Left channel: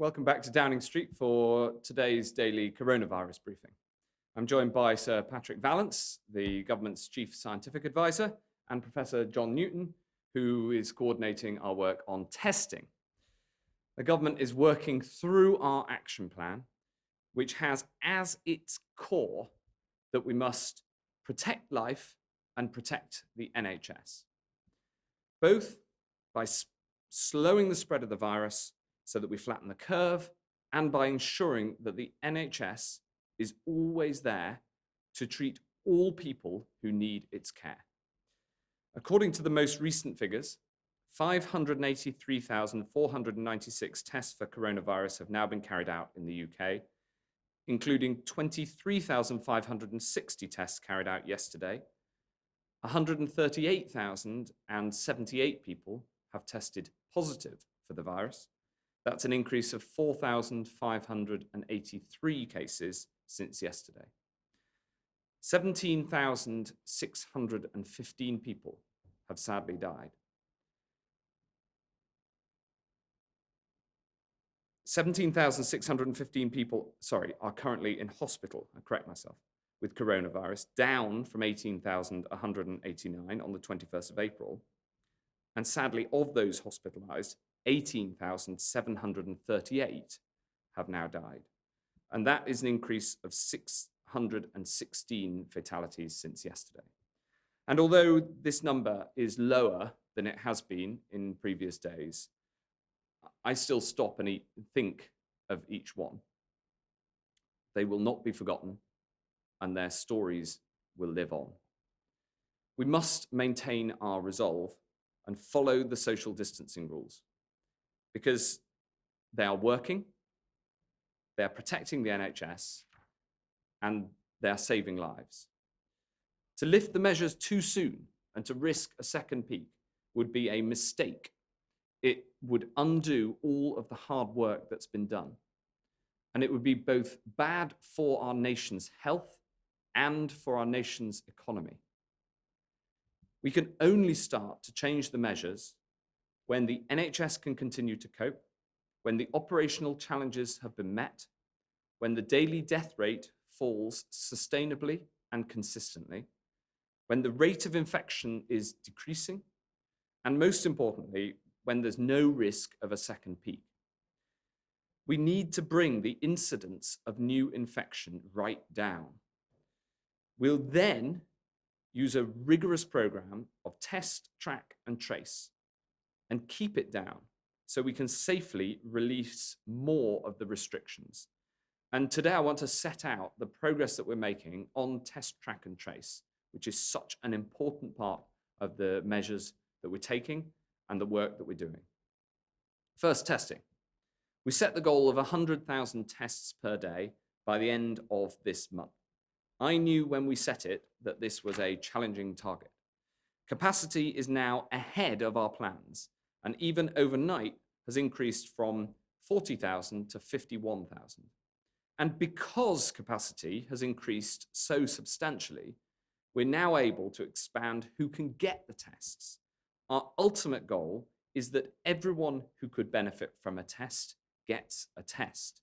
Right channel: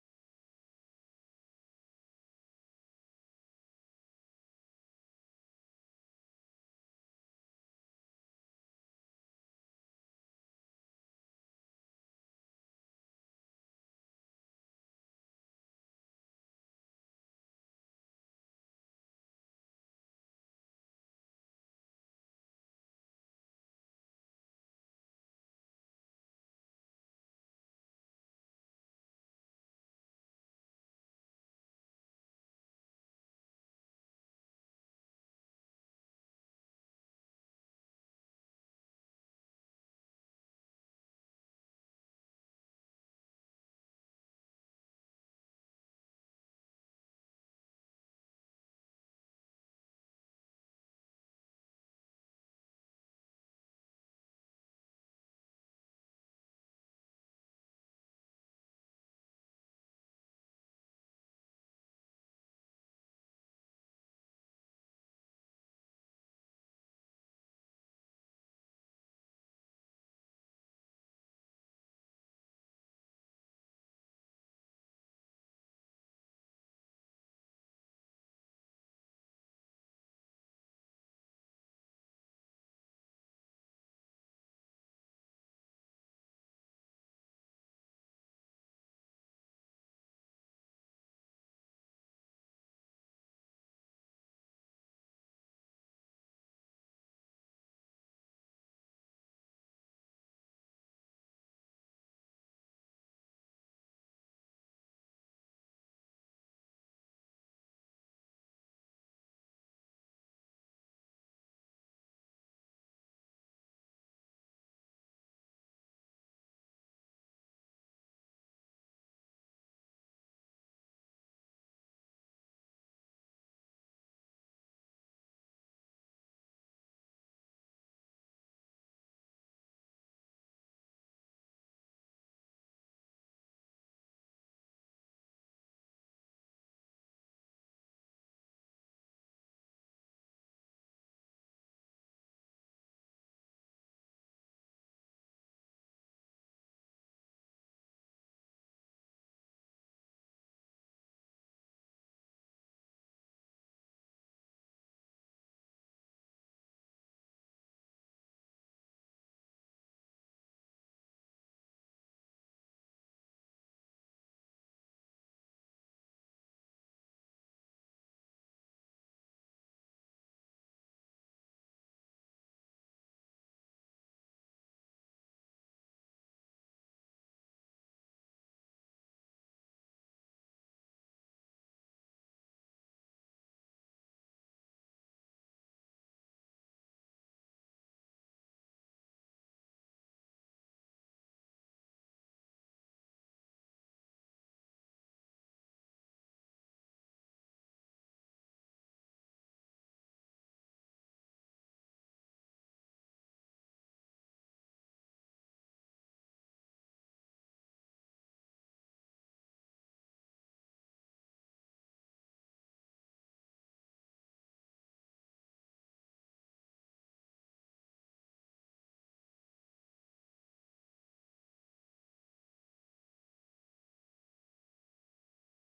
Welcome back to Downing Street for today's daily coronavirus briefing. I'm joined by Sir Patrick Vallance, the government's chief scientific advisor, and Professor John Newton, who is coordinating our work on testing. The government is working through our action plan, which has as its core that we must protect life and protect the NHS, both by slowing the spread of the virus so that we flatten the curve, and by ensuring that the NHS is always there to treat all people who need its care. According to the most recent figures, 583,496 tests for coronavirus have now been carried out in the UK, including 23,560 tests carried out yesterday. 138,078 people have tested positive for the virus. That's an increase of 4,583 cases since yesterday. 17,615 people have sadly died. 17,615 people, are currently in hospital, I correct myself, with coronavirus, down from 18,189 on the 21st of April. And sadly, of those hospitalized, 18,738 have now died. And that is an increase of 616 fatalities since yesterday. And although this number is lower than it has been in previous days, I still stop and think of each one. They will not be forgotten, and their stories will live on. We must maintain our resolve and follow the social distancing rules, because they are working, they are protecting the NHS, and they are saving lives. To lift the measures too soon and to risk a second peak would be a mistake. It would undo all of the hard work that's been done. And it would be both bad for our nation's health and for our nation's economy. We can only start to change the measures when the NHS can continue to cope, when the operational challenges have been met, when the daily death rate falls sustainably and consistently, when the rate of infection is decreasing, and most importantly, when there's no risk of a second peak. We need to bring the incidence of new infection right down. We'll then use a rigorous program of test, track, and trace, and keep it down so we can safely release more of the restrictions. And today I want to set out the progress that we're making on test, track, and trace, which is such an important part of the measures that we're taking and the work that we're doing. First, testing. We set the goal of 100,000 tests per day by the end of this month. I knew when we set it that this was a challenging target. Capacity is now ahead of our plans, and even overnight has increased from 40,000 to 51,000. And because capacity has increased so substantially, we're now able to expand who can get the tests. Our ultimate goal is that everyone who could benefit from a test gets a test.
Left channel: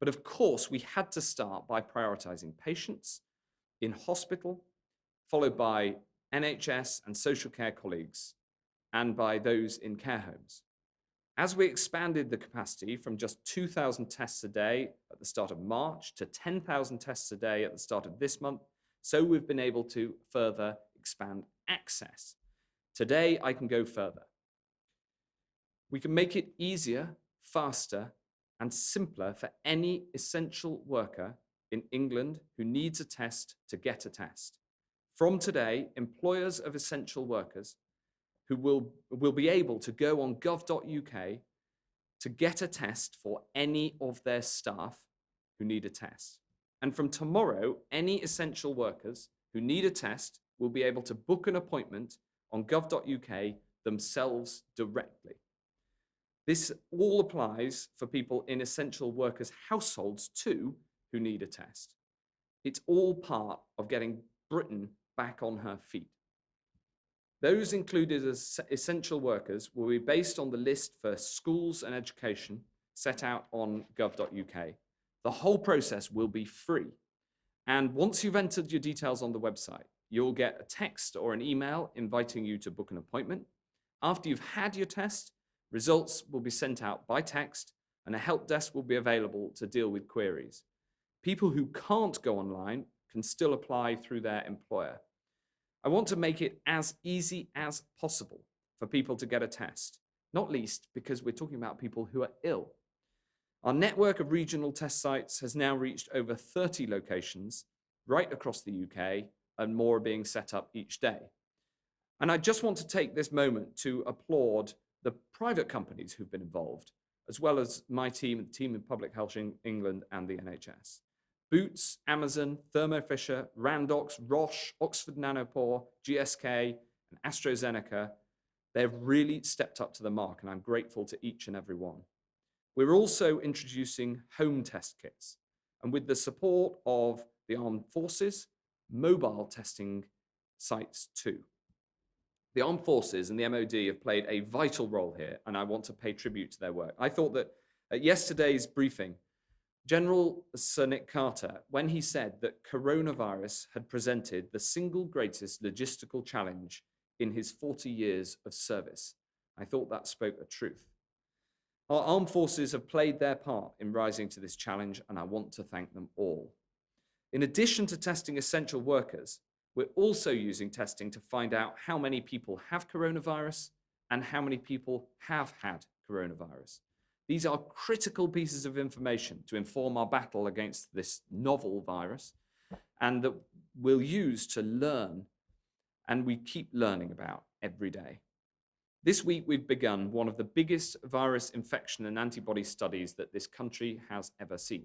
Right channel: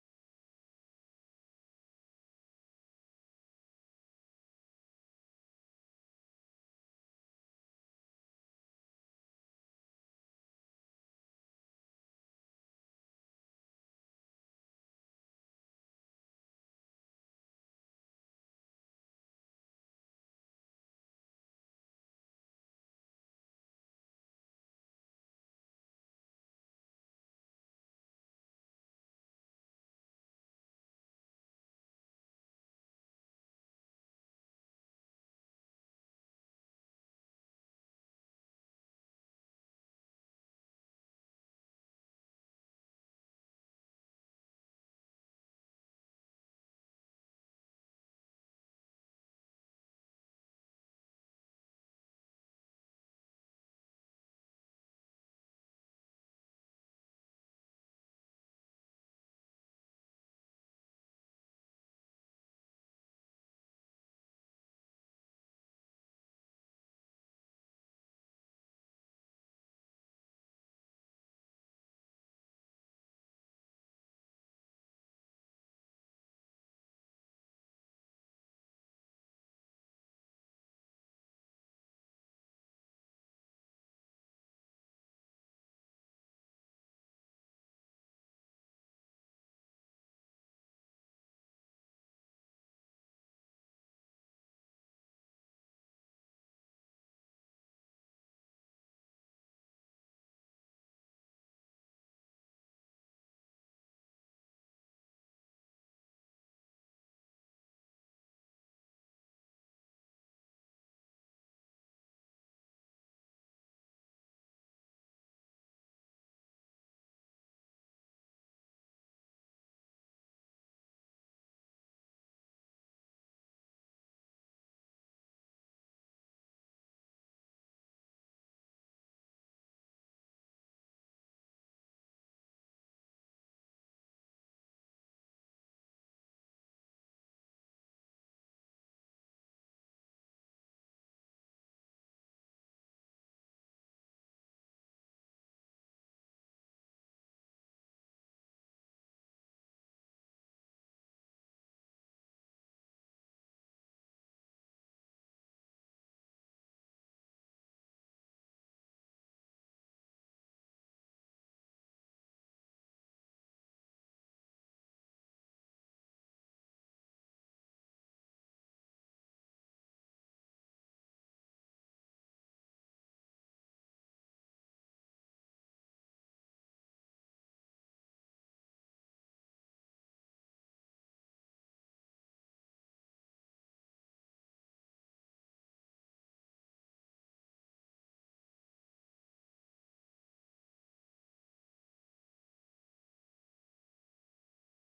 But of course, we had to start by prioritizing patients in hospital, followed by NHS and social care colleagues, and by those in care homes. As we expanded the capacity from just 2,000 tests a day at the start of March to 10,000 tests a day at the start of this month, so we've been able to further expand access. Today, I can go further. We can make it easier, faster, and simpler for any essential worker in England who needs a test to get a test. From today, employers of essential workers who will be able to go on gov.uk to get a test for any of their staff who need a test. And from tomorrow, any essential workers who need a test will be able to book an appointment on gov.uk themselves directly. This all applies for people in essential workers' households too who need a test. It's all part of getting Britain back on her feet. Those included as essential workers will be based on the list for schools and education, set out on gov.uk. The whole process will be free. And once you've entered your details on the website, you'll get a text or an email inviting you to book an appointment. After you've had your test, results will be sent out by text and a help desk will be available to deal with queries. People who can't go online can still apply through their employer. I want to make it as easy as possible for people to get a test, not least because we're talking about people who are ill. Our network of regional test sites has now reached over 30 locations right across the UK, and more are being set up each day. And I just want to take this moment to applaud the private companies who've been involved, as well as my team, the team in Public Health England and the NHS. Boots, Amazon, Thermo Fisher, Randox, Roche, Oxford Nanopore, GSK, and AstraZeneca, they've really stepped up to the mark, and I'm grateful to each and every one. We're also introducing home test kits, and with the support of the Armed Forces, mobile testing sites too. The Armed Forces and the MOD have played a vital role here, and I want to pay tribute to their work. I thought that at yesterday's briefing, General Sir Nick Carter, when he said that coronavirus had presented the single greatest logistical challenge in his 40 years of service, I thought that spoke the truth. Our armed forces have played their part in rising to this challenge, and I want to thank them all. In addition to testing essential workers, we're also using testing to find out how many people have coronavirus and how many people have had coronavirus. These are critical pieces of information to inform our battle against this novel virus, and that we'll use to learn, and we keep learning about every day. This week, we've begun one of the biggest virus infection and antibody studies that this country has ever seen.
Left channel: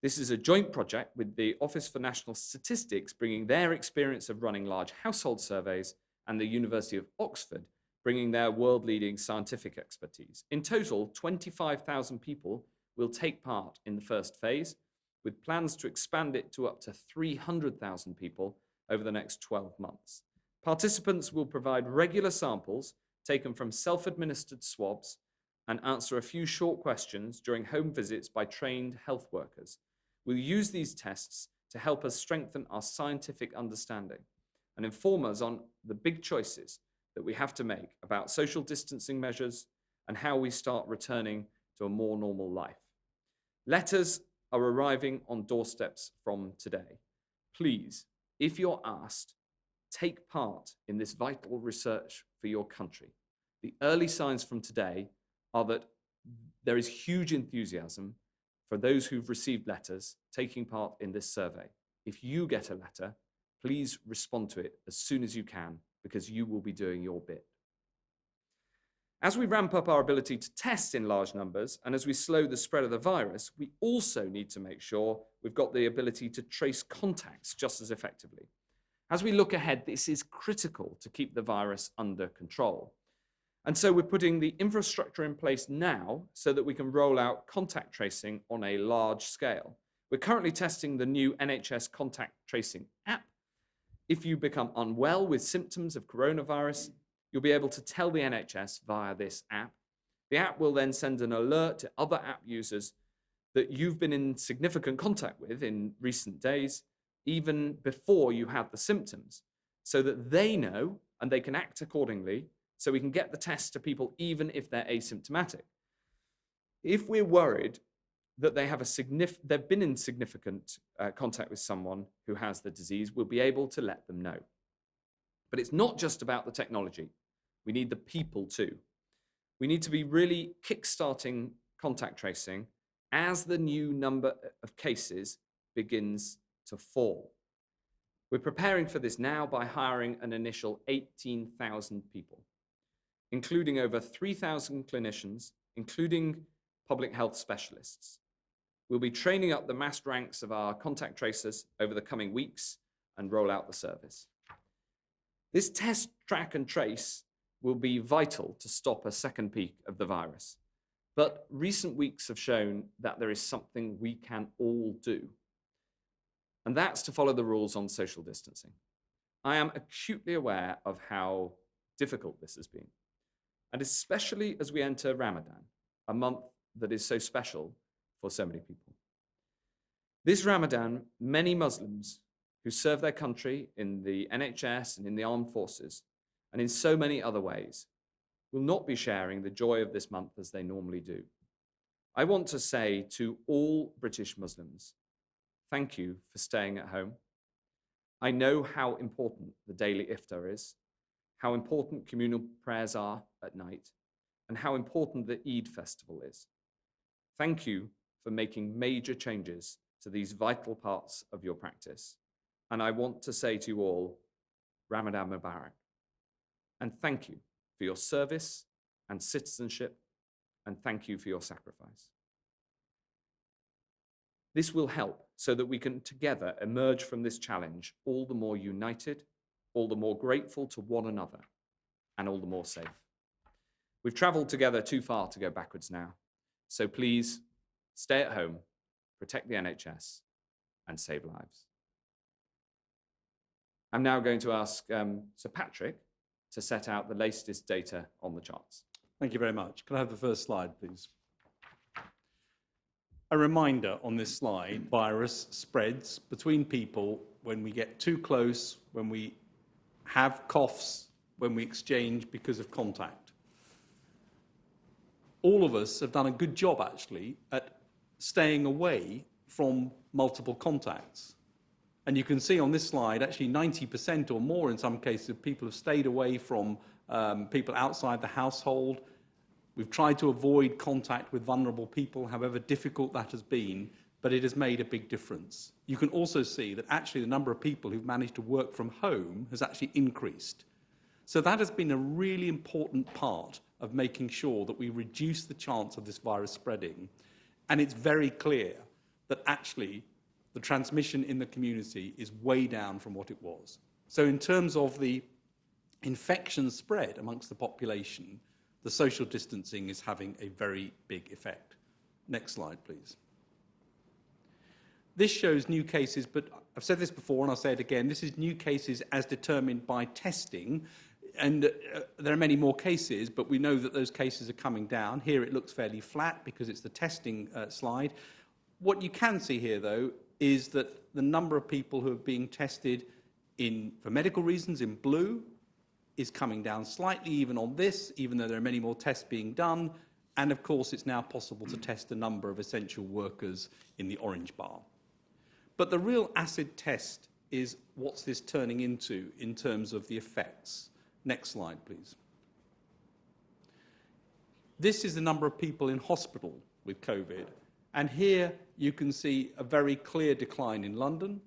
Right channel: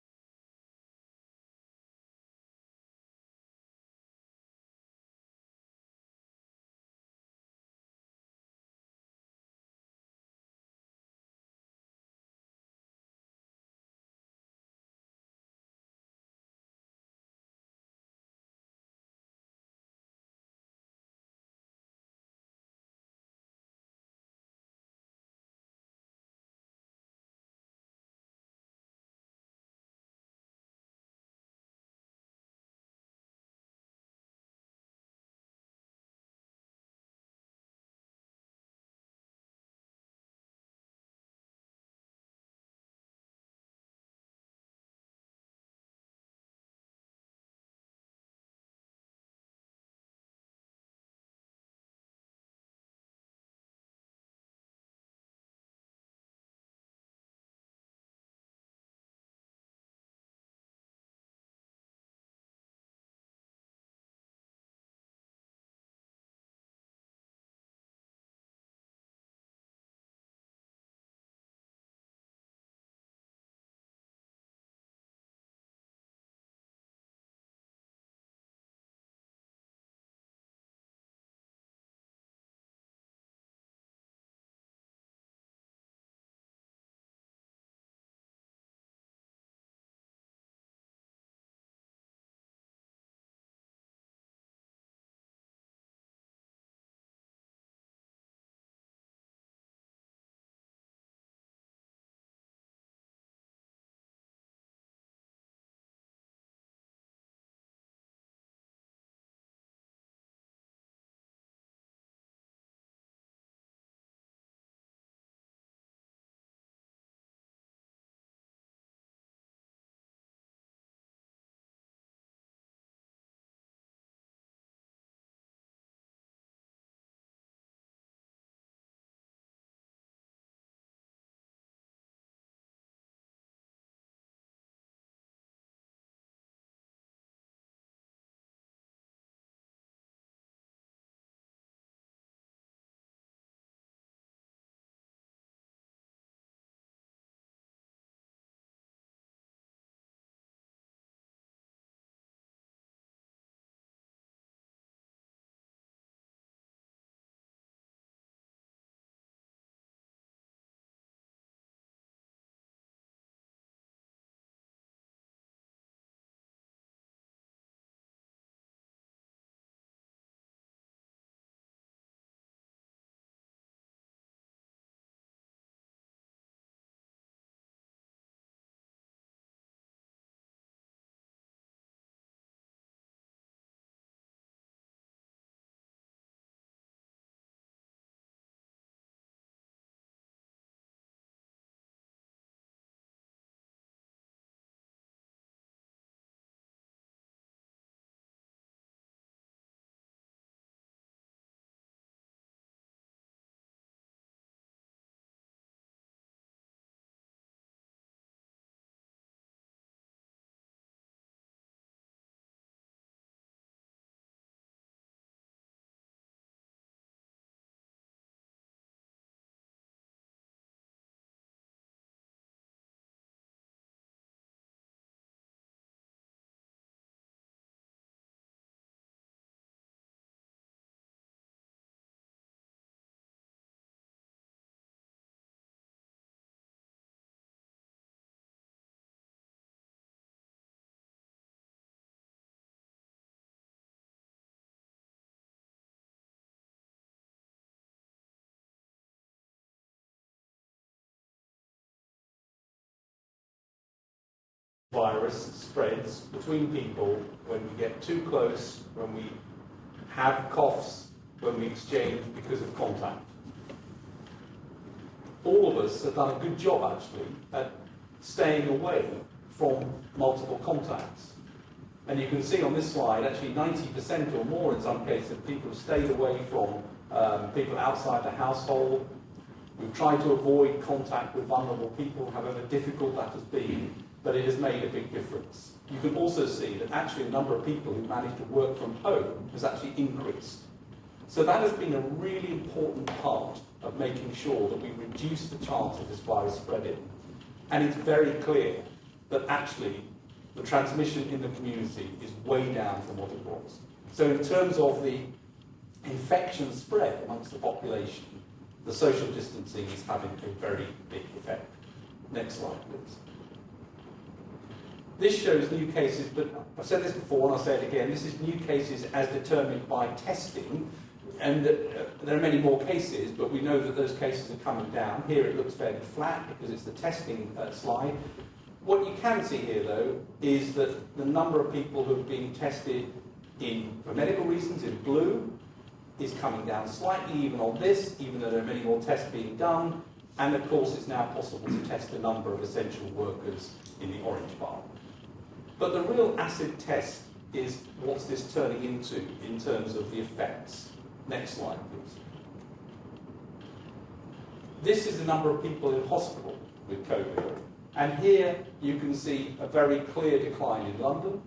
This is a joint project with the Office for National Statistics, bringing their experience of running large household surveys, and the University of Oxford, bringing their world-leading scientific expertise. In total, 25,000 people will take part in the first phase, with plans to expand it to up to 300,000 people over the next 12 months. Participants will provide regular samples taken from self-administered swabs and answer a few short questions during home visits by trained health workers. We'll use these tests to help us strengthen our scientific understanding and inform us on the big choices that we have to make about social distancing measures and how we start returning to a more normal life. Letters are arriving on doorsteps from today. Please, if you're asked, take part in this vital research for your country. The early signs from today are that there is huge enthusiasm for those who've received letters taking part in this survey. If you get a letter, please respond to it as soon as you can, because you will be doing your bit. As we ramp up our ability to test in large numbers, and as we slow the spread of the virus, we also need to make sure we've got the ability to trace contacts just as effectively. As we look ahead, this is critical to keep the virus under control. And so we're putting the infrastructure in place now so that we can roll out contact tracing on a large scale. We're currently testing the new NHS contact tracing app. If you become unwell with symptoms of coronavirus, you'll be able to tell the NHS via this app. The app will then send an alert to other app users that you've been in significant contact with in recent days, even before you had the symptoms, so that they know and they can act accordingly, so we can get the test to people even if they're asymptomatic. If we're worried that they've been in significant contact with someone who has the disease, we'll be able to let them know. But it's not just about the technology. We need the people too. We need to be really kickstarting contact tracing as the new number of cases begins to fall. We're preparing for this now by hiring an initial 18,000 people, including over 3,000 clinicians, including public health specialists. We'll be training up the massed ranks of our contact tracers over the coming weeks and roll out the service. This test, track, and trace will be vital to stop a second peak of the virus. But recent weeks have shown that there is something we can all do, and that's to follow the rules on social distancing. I am acutely aware of how difficult this has been, and especially as we enter Ramadan, a month that is so special for so many people. This Ramadan, many Muslims who serve their country in the NHS and in the armed forces and in so many other ways will not be sharing the joy of this month as they normally do. I want to say to all British Muslims, thank you for staying at home. I know how important the daily iftar is, how important communal prayers are at night, and how important the Eid festival is. Thank you for making major changes to these vital parts of your practice. And I want to say to you all, Ramadan Mubarak. And thank you for your service and citizenship, and thank you for your sacrifice. This will help so that we can together emerge from this challenge all the more united, all the more grateful to one another, and all the more safe. We've traveled together too far to go backwards now. So please stay at home, protect the NHS, and save lives. I'm now going to ask Sir Patrick to set out the latest data on the charts. Thank you very much. Can I have the first slide, please? A reminder on this slide, virus spreads between people when we get too close, when we have coughs, when we exchange because of contact. All of us have done a good job, actually, at staying away from multiple contacts. And you can see on this slide, actually 90% or more in some cases, people have stayed away from people outside the household. We've tried to avoid contact with vulnerable people, however difficult that has been, but it has made a big difference. You can also see that actually the number of people who've managed to work from home has actually increased. So that has been a really important part of making sure that we reduce the chance of this virus spreading. And it's very clear that actually the transmission in the community is way down from what it was. So in terms of the infection spread amongst the population, the social distancing is having a very big effect. Next slide, please. This shows new cases, but I've said this before and I'll say it again, this is new cases as determined by testing, and there are many more cases, but we know that those cases are coming down. Here it looks fairly flat because it's the testing slide. What you can see here, though, is that the number of people who are being tested for medical reasons in blue is coming down slightly even on this, even though there are many more tests being done. And of course, it's now possible to test the number of essential workers in the orange bar. But the real acid test is what's this turning into in terms of the effects. Next slide, please. This is the number of people in hospital with COVID. And here you can see a very clear decline in London.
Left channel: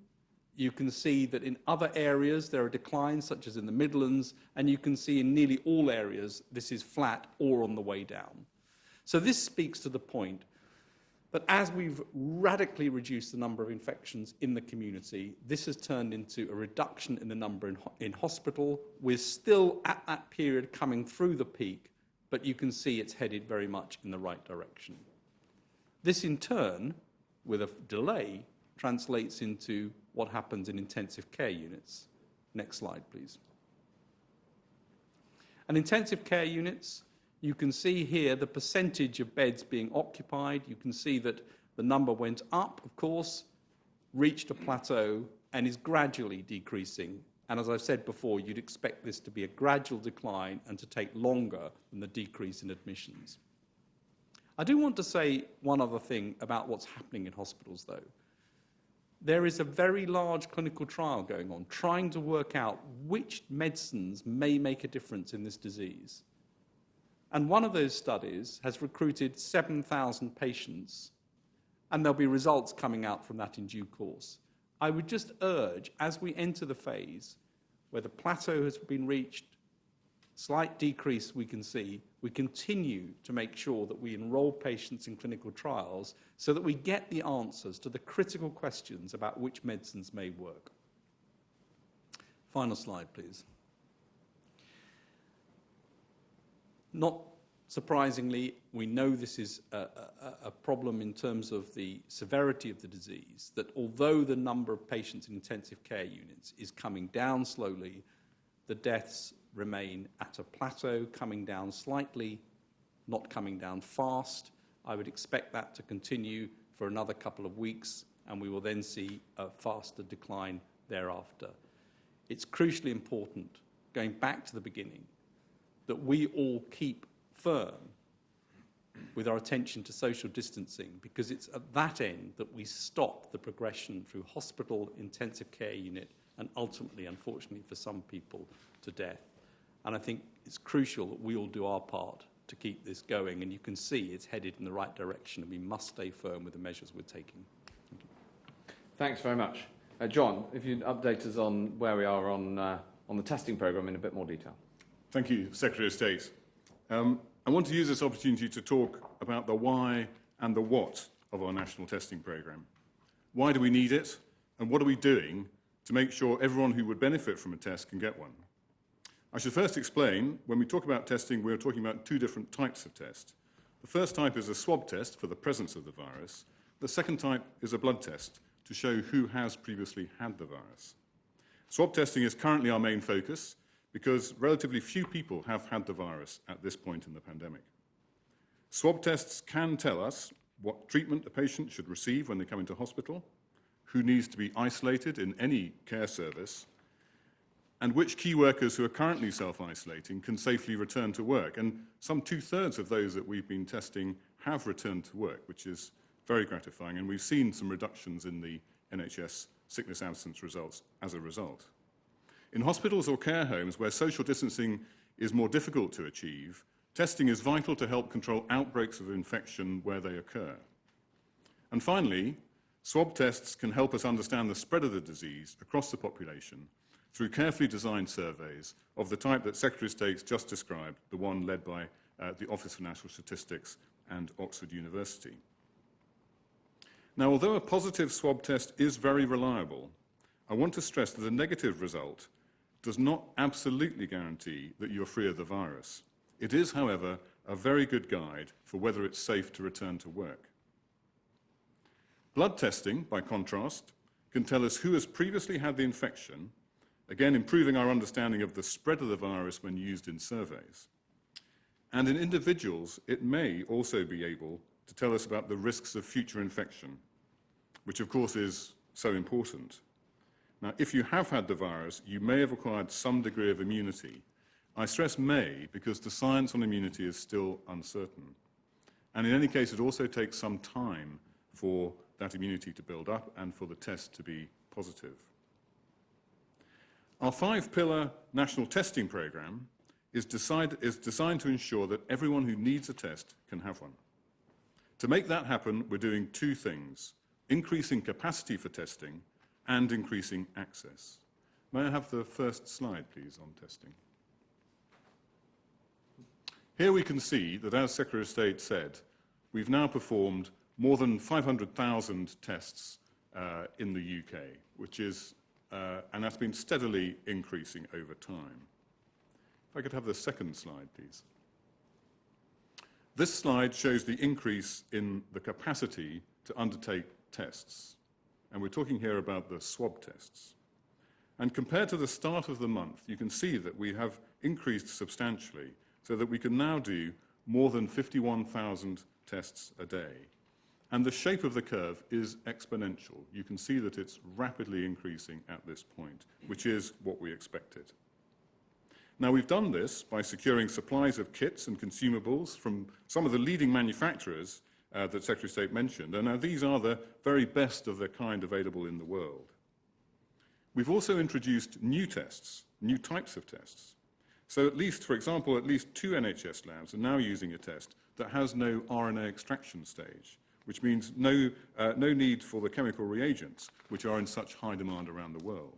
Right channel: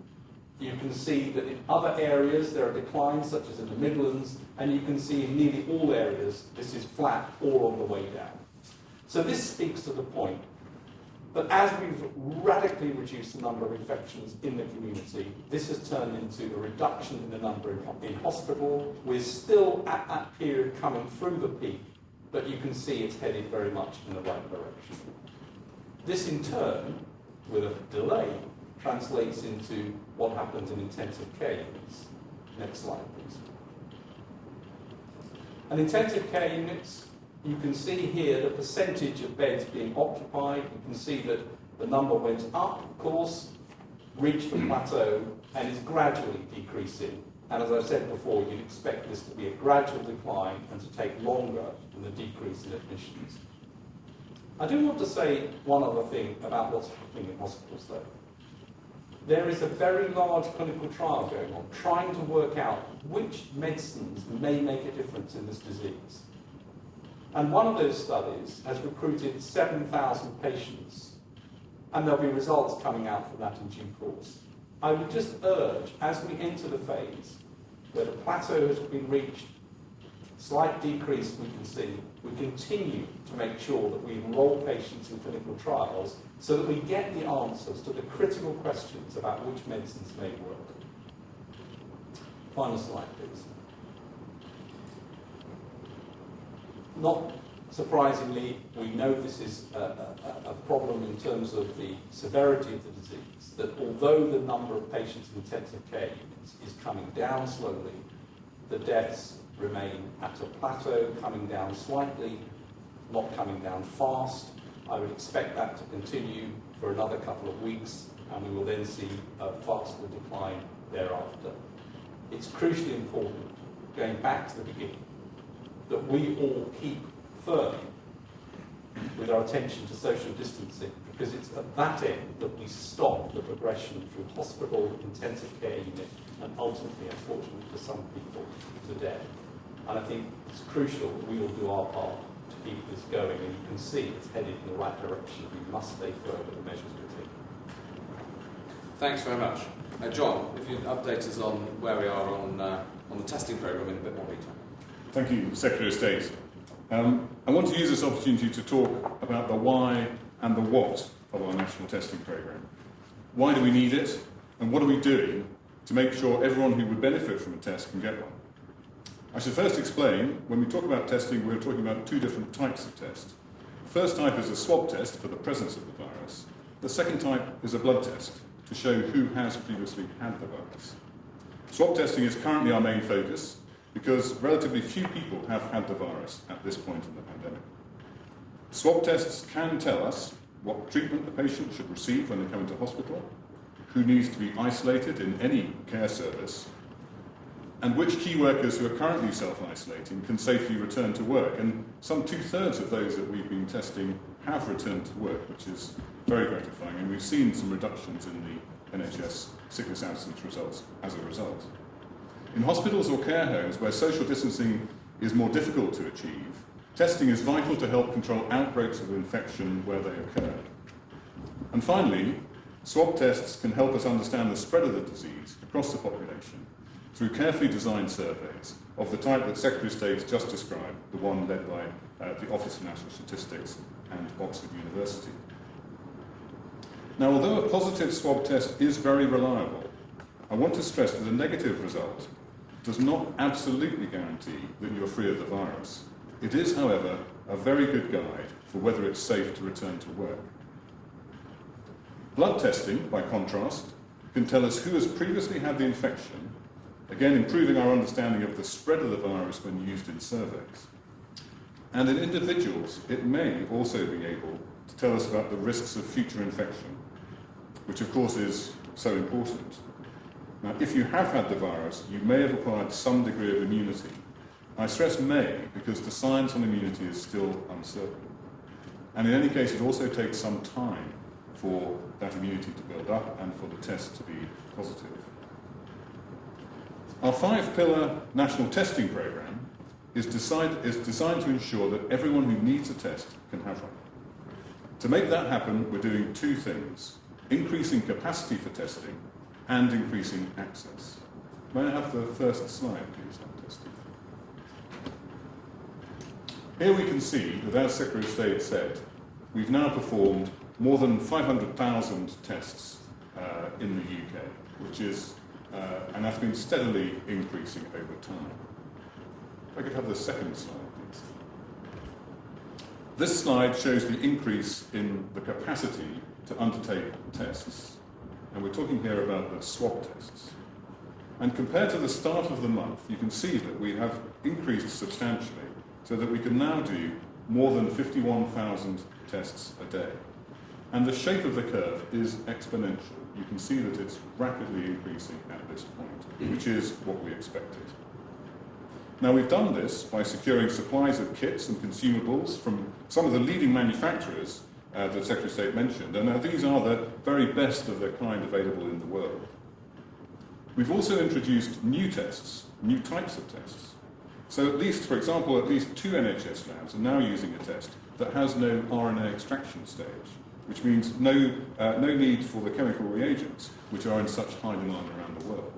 You can see that in other areas there are declines, such as in the Midlands, and you can see in nearly all areas this is flat or on the way down. So this speaks to the point that as we've radically reduced the number of infections in the community, this has turned into a reduction in the number in hospital. We're still at that period coming through the peak, but you can see it's headed very much in the right direction. This in turn, with a delay, translates into what happens in intensive care units. Next slide, please. And intensive care units, you can see here the percentage of beds being occupied. You can see that the number went up, of course, reached a plateau, and is gradually decreasing. And as I've said before, you'd expect this to be a gradual decline and to take longer than the decrease in admissions. I do want to say one other thing about what's happening in hospitals, though. There is a very large clinical trial going on, trying to work out which medicines may make a difference in this disease. And one of those studies has recruited 7,000 patients, and there'll be results coming out from that in due course. I would just urge, as we enter the phase where the plateau has been reached, slight decrease we can see, we continue to make sure that we enroll patients in clinical trials so that we get the answers to the critical questions about which medicines may work. Final slide, please. Not surprisingly, we know this is a problem in terms of the severity of the disease, that although the number of patients in intensive care units is coming down slowly, the deaths remain at a plateau, coming down slightly, not coming down fast. I would expect that to continue for another couple of weeks, and we will then see a faster decline thereafter. It's crucially important, going back to the beginning, that we all keep firm with our attention to social distancing, because it's at that end that we stop the progression through hospital, intensive care unit, and ultimately, unfortunately for some people, to death. And I think it's crucial that we all do our part to keep this going, and you can see it's headed in the right direction. We must stay firm with the measures we're taking. Thanks very much. John, if you'd update us on where we are on the testing programme in a bit more detail. Thank you, Secretary of State. I want to use this opportunity to talk about the why and the what of our national testing programme. Why do we need it, and what are we doing to make sure everyone who would benefit from a test can get one? I should first explain, when we talk about testing, we're talking about two different types of test. The first type is a swab test for the presence of the virus. The second type is a blood test to show who has previously had the virus. Swab testing is currently our main focus because relatively few people have had the virus at this point in the pandemic. Swab tests can tell us what treatment the patient should receive when they come into hospital, who needs to be isolated in any care service, and which key workers who are currently self-isolating can safely return to work. And some 2/3 of those that we've been testing have returned to work, which is very gratifying, and we've seen some reductions in the NHS sickness absence results as a result. In hospitals or care homes where social distancing is more difficult to achieve, testing is vital to help control outbreaks of infection where they occur. And finally, swab tests can help us understand the spread of the disease across the population through carefully designed surveys of the type that Secretary of State just described, the one led by the Office for National Statistics and Oxford University. Now, although a positive swab test is very reliable, I want to stress that a negative result does not absolutely guarantee that you're free of the virus. It is, however, a very good guide for whether it's safe to return to work. Blood testing, by contrast, can tell us who has previously had the infection, again improving our understanding of the spread of the virus when used in surveys. And in individuals, it may also be able to tell us about the risks of future infection, which of course is so important. Now, if you have had the virus, you may have acquired some degree of immunity. I stress may because the science on immunity is still uncertain. And in any case, it also takes some time for that immunity to build up and for the test to be positive. Our 5-pillar national testing programme is designed to ensure that everyone who needs a test can have one. To make that happen, we're doing two things: increasing capacity for testing and increasing access. May I have the first slide, please, on testing? Here we can see that, as Secretary of State said, we've now performed more than 500,000 tests in the UK, which is, and that's been steadily increasing over time. If I could have the second slide, please. This slide shows the increase in the capacity to undertake tests. And we're talking here about the swab tests. And compared to the start of the month, you can see that we have increased substantially so that we can now do more than 51,000 tests a day. And the shape of the curve is exponential. You can see that it's rapidly increasing at this point, which is what we expected. Now, we've done this by securing supplies of kits and consumables from some of the leading manufacturers that Secretary of State mentioned, and now these are the very best of their kind available in the world. We've also introduced new tests, new types of tests. So at least, for example, at least 2 NHS labs are now using a test that has no RNA extraction stage, which means no need for the chemical reagents, which are in such high demand around the world.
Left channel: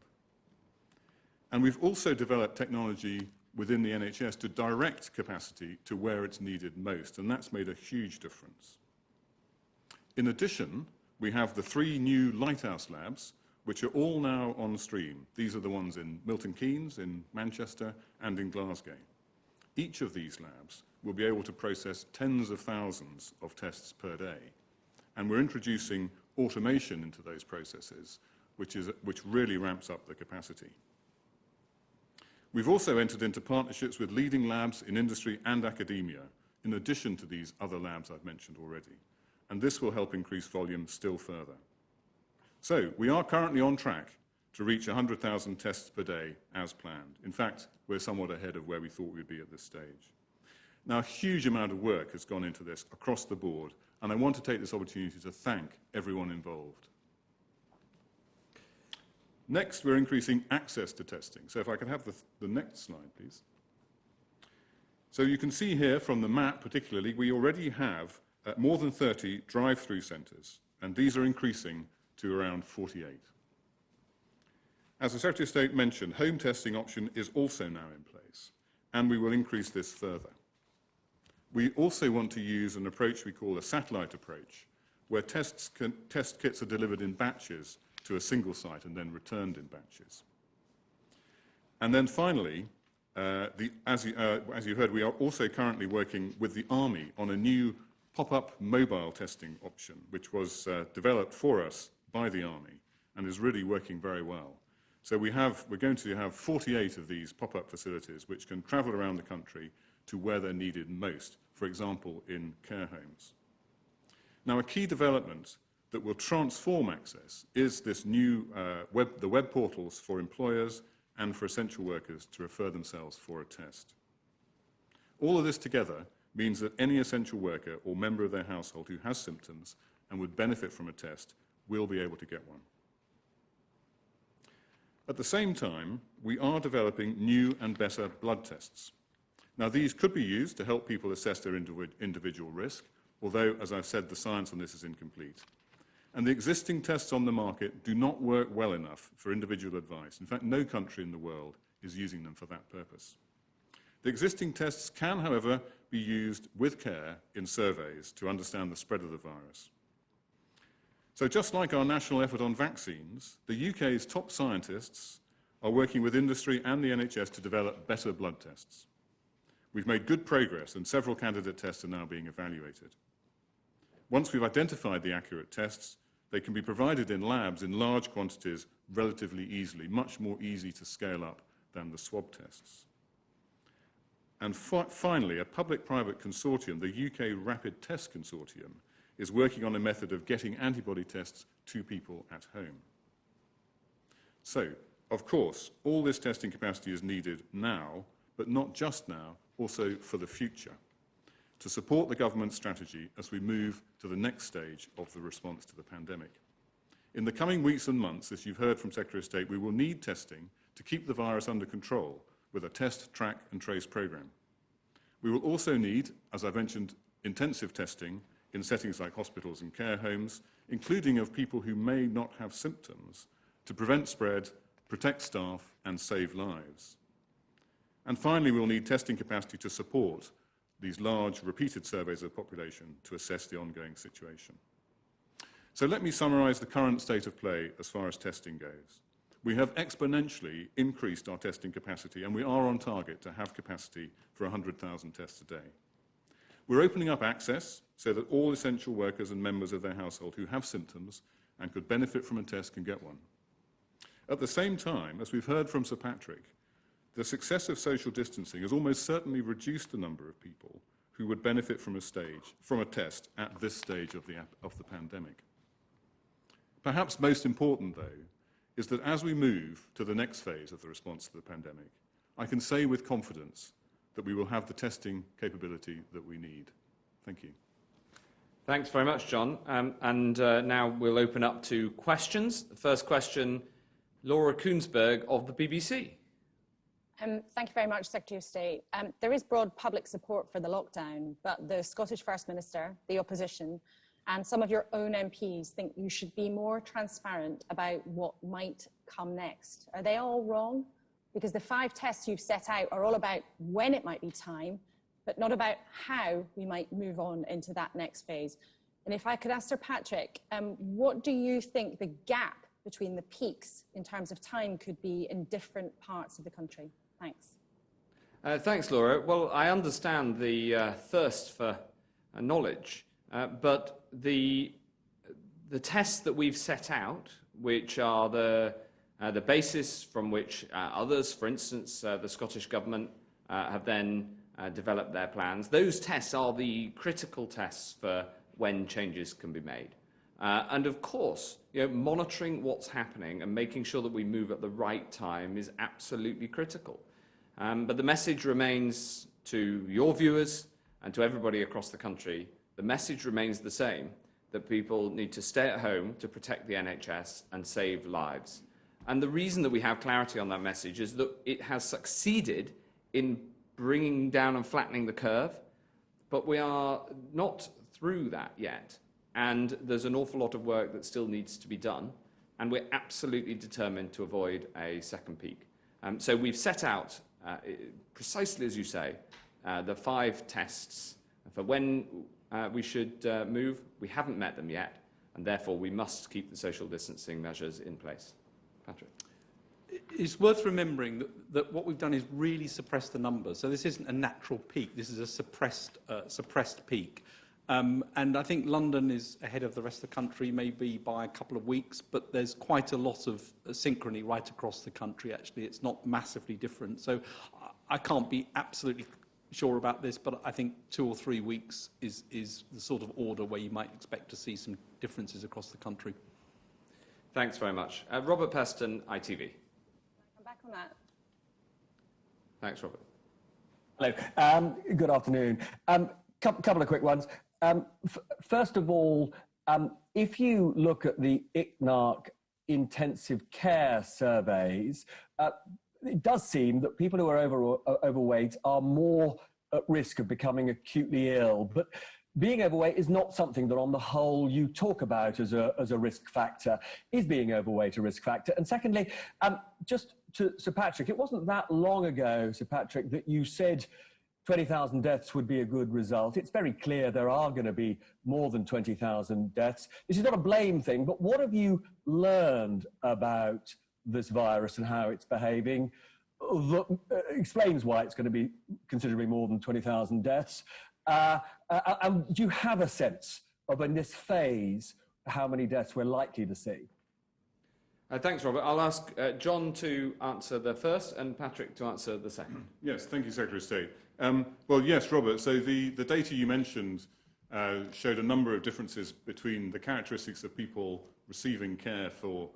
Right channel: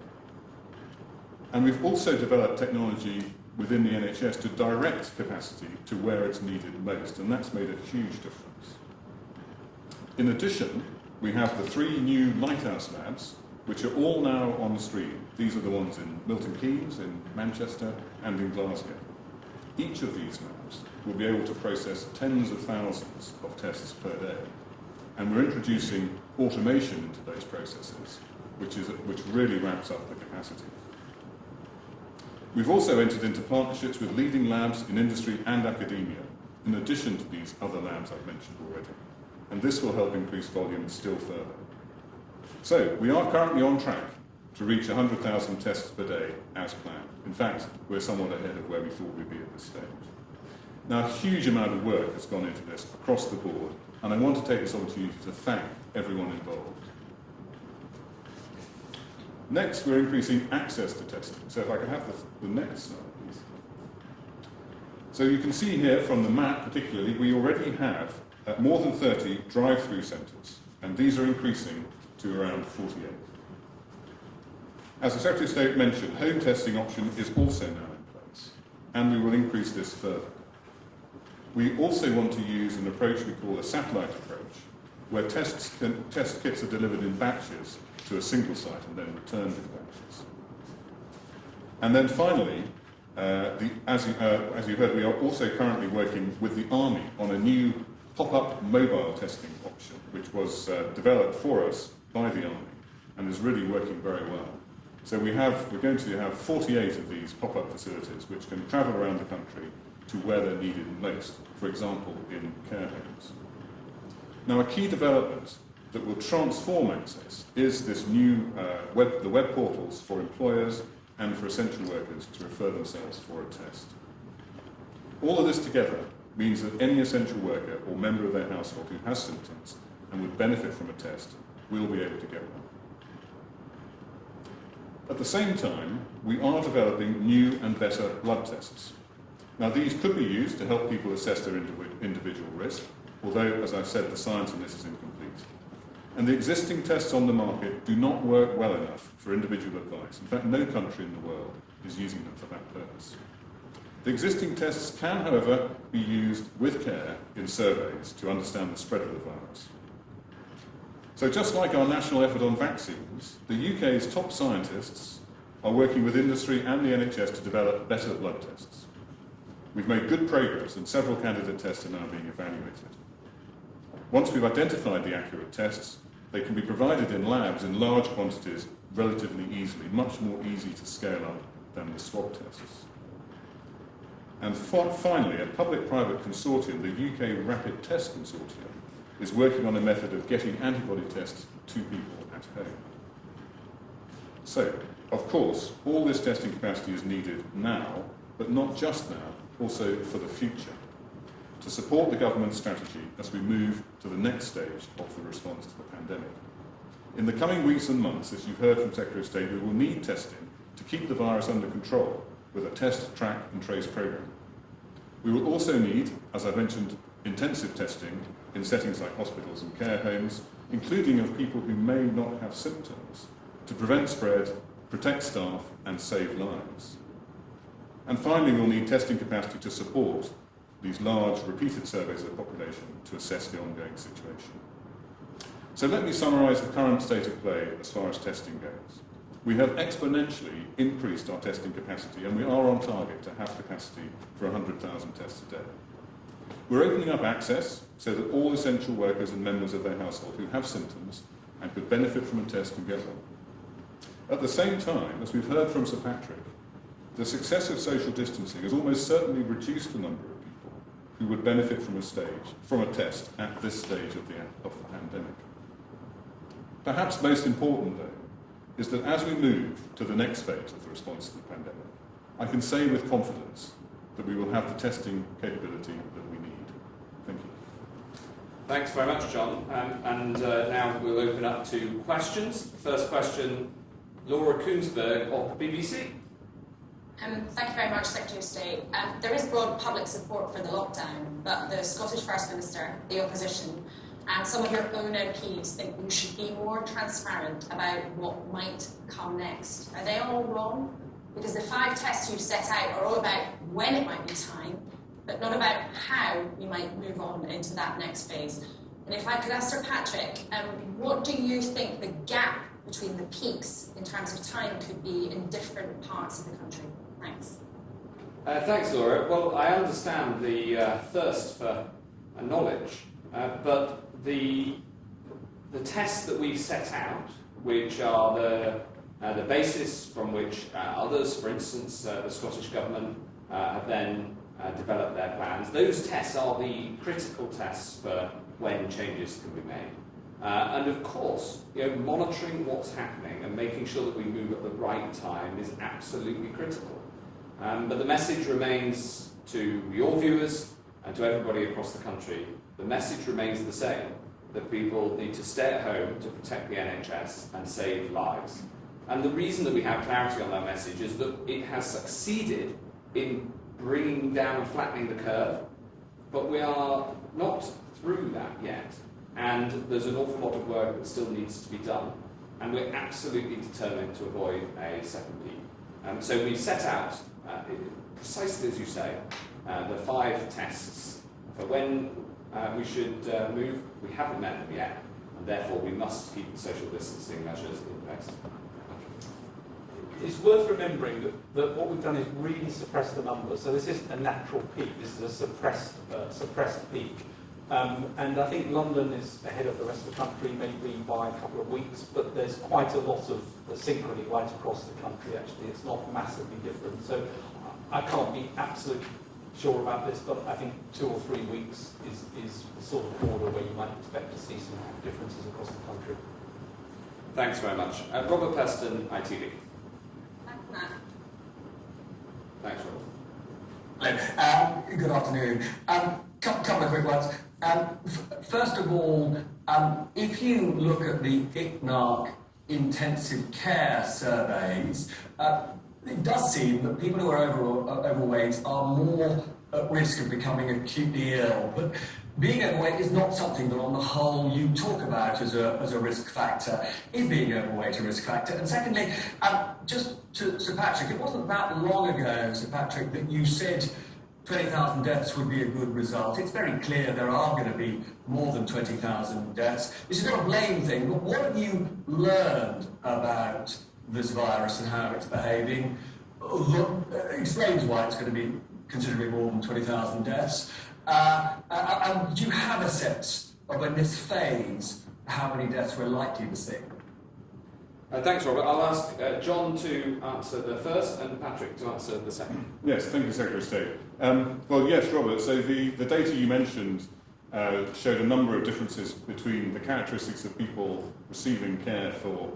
And we've also developed technology within the NHS to direct capacity to where it's needed most, and that's made a huge difference. In addition, we have the 3 new Lighthouse labs, which are all now on stream. These are the ones in Milton Keynes, in Manchester, and in Glasgow. Each of these labs will be able to process tens of thousands of tests per day. And we're introducing automation into those processes, which really ramps up the capacity. We've also entered into partnerships with leading labs in industry and academia. in addition to these other labs I've mentioned already. And this will help increase volume still further. So, we are currently on track to reach 100,000 tests per day as planned. In fact, we're somewhat ahead of where we thought we'd be at this stage. Now, a huge amount of work has gone into this across the board, and I want to take this opportunity to thank everyone involved. Next, we're increasing access to testing. So if I could have the next slide, please. So you can see here from the map particularly, we already have more than 30 drive-through centres, and these are increasing to around 48. As the Secretary of State mentioned, home testing option is also now in place, and we will increase this further. We also want to use an approach we call a satellite approach, where test kits are delivered in batches to a single site and then returned in batches. And then finally, as you've heard, we are also currently working with the Army on a new pop-up mobile testing option, which was developed for us by the Army and is really working very well. So we're going to have 48 of these pop-up facilities which can travel around the country to where they're needed most, for example, in care homes. Now, a key development that will transform access is this new the web portals for employers and for essential workers to refer themselves for a test. All of this together means that any essential worker or member of their household who has symptoms and would benefit from a test will be able to get one. At the same time, we are developing new and better blood tests. Now, these could be used to help people assess their individual risk, although, as I've said, the science on this is incomplete. And the existing tests on the market do not work well enough for individual advice. In fact, no country in the world is using them for that purpose. The existing tests can, however, be used with care in surveys to understand the spread of the virus. So just like our national effort on vaccines, the UK's top scientists are working with industry and the NHS to develop better blood tests. We've made good progress and several candidate tests are now being evaluated. Once we've identified the accurate tests, they can be provided in labs in large quantities relatively easily, much more easy to scale up than the swab tests. And finally, a public-private consortium, the UK Rapid Test Consortium, is working on a method of getting antibody tests to people at home. So, of course, all this testing capacity is needed now, but not just now, also for the future, to support the government's strategy as we move to the next stage of the response to the pandemic. In the coming weeks and months, as you've heard from Secretary of State, we will need testing to keep the virus under control with a test, track and trace programme. We will also need, as I mentioned, intensive testing in settings like hospitals and care homes, including of people who may not have symptoms, to prevent spread, protect staff and save lives. And finally, we'll need testing capacity to support these large, repeated surveys of the population to assess the ongoing situation. So let me summarise the current state of play as far as testing goes. We have exponentially increased our testing capacity, and we are on target to have capacity for 100,000 tests a day. We're opening up access so that all essential workers and members of their household who have symptoms and could benefit from a test can get one. At the same time, as we've heard from Sir Patrick, the success of social distancing has almost certainly reduced the number of people who would benefit from a test at this stage of the pandemic. Perhaps most important, though, is that as we move to the next phase of the response to the pandemic, I can say with confidence that we will have the testing capability that we need. Thank you. Thanks very much, John. Now we'll open up to questions. The first question, Laura Koonsberg of the BBC. Thank you very much, Secretary of State. There is broad public support for the lockdown, but the Scottish First Minister, the opposition, and some of your own MPs think we should be more transparent about what might come next. Are they all wrong? Because the 5 tests you've set out are all about when it might be time, but not about how we might move on into that next phase. And if I could ask Sir Patrick, what do you think the gap between the peaks in terms of time could be in different parts of the country? Thanks. Thanks, Laura. Well, I understand the thirst for knowledge, but the tests that we've set out, which are the basis from which others, for instance, the Scottish Government, have then develop their plans. Those tests are the critical tests for when changes can be made. And of course, monitoring what's happening and making sure that we move at the right time is absolutely critical. But the message remains to your viewers and to everybody across the country, the message remains the same, that people need to stay at home to protect the NHS and save lives. And the reason that we have clarity on that message is that it has succeeded in bringing down and flattening the curve, but we are not through that yet. And there's an awful lot of work that still needs to be done, and we're absolutely determined to avoid a second peak. So we've set out, precisely as you say, the 5 tests for when we should move. We haven't met them yet, and therefore we must keep the social distancing measures in place. It's worth remembering that what we've done is really suppress the numbers. So this isn't a natural peak, this is a suppressed peak. And I think London is ahead of the rest of the country, maybe by a couple of weeks, but there's quite a lot of synchrony right across the country, actually. It's not massively different. So I can't be absolutely sure about this, but I think 2 or 3 weeks is the sort of order where you might expect to see some differences across the country. Thanks very much. Robert Peston, ITV. Thanks, Robert. Hello. Good afternoon. Couple of quick ones. First of all, if you look at the ICNARC intensive care surveys, it does seem that people who are overweight are more at risk of becoming acutely ill. But being overweight is not something that on the whole you talk about as a risk factor. Is being overweight a risk factor? And secondly, just to Sir Patrick, it wasn't that long ago, Sir Patrick, that you said 20,000 deaths would be a good result. It's very clear there are going to be more than 20,000 deaths. This is not a blame thing, but what have you learned about this virus and how it's behaving that explains why it's going to be considerably more than 20,000 deaths? And do you have a sense of, in this phase, how many deaths we're likely to see? Thanks, Robert. I'll ask John to answer the first and Patrick to answer the second. Yes, thank you, Secretary of State. Well, yes, Robert, so the data you mentioned showed a number of differences between the characteristics of people receiving care for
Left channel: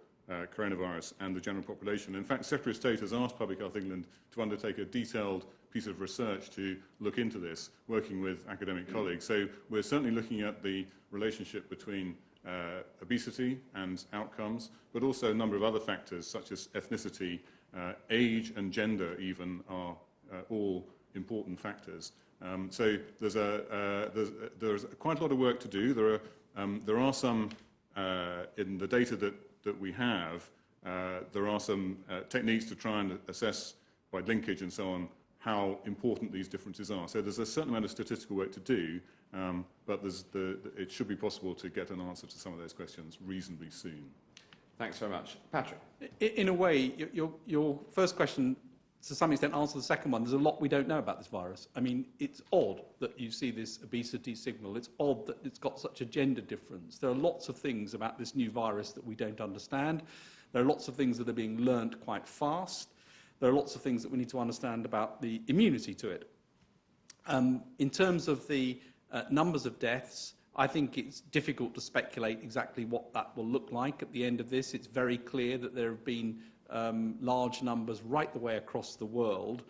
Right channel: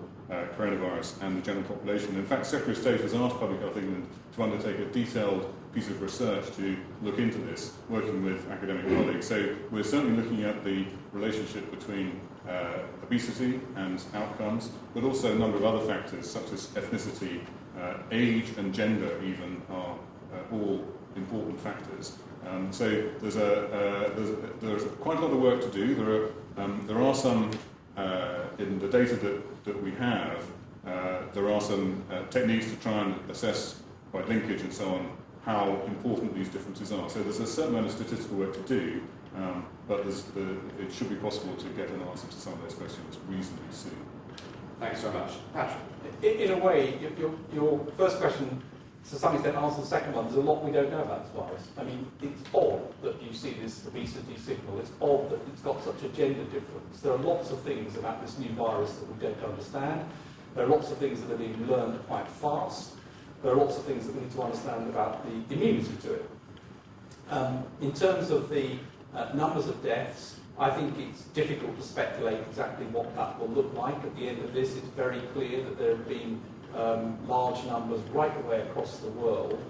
coronavirus and the general population. In fact, Secretary of State has asked Public Health England to undertake a detailed piece of research to look into this, working with academic colleagues. So we're certainly looking at the relationship between obesity and outcomes, but also a number of other factors such as ethnicity, age and gender even are all important factors. So there's quite a lot of work to do. There are some, in the data that we have, there are some techniques to try and assess by linkage and so on how important these differences are. So there's a certain amount of statistical work to do, but it should be possible to get an answer to some of those questions reasonably soon. Thanks so much. Patrick? In a way, your first question, to some extent, answers the second one. There's a lot we don't know about this virus. I mean, it's odd that you see this obesity signal. It's odd that it's got such a gender difference. There are lots of things about this new virus that we don't understand. There are lots of things that are being learned quite fast. There are lots of things that we need to understand about the immunity to it. In terms of the numbers of deaths, I think it's difficult to speculate exactly what that will look like at the end of this. It's very clear that there have been large numbers right the way across the world.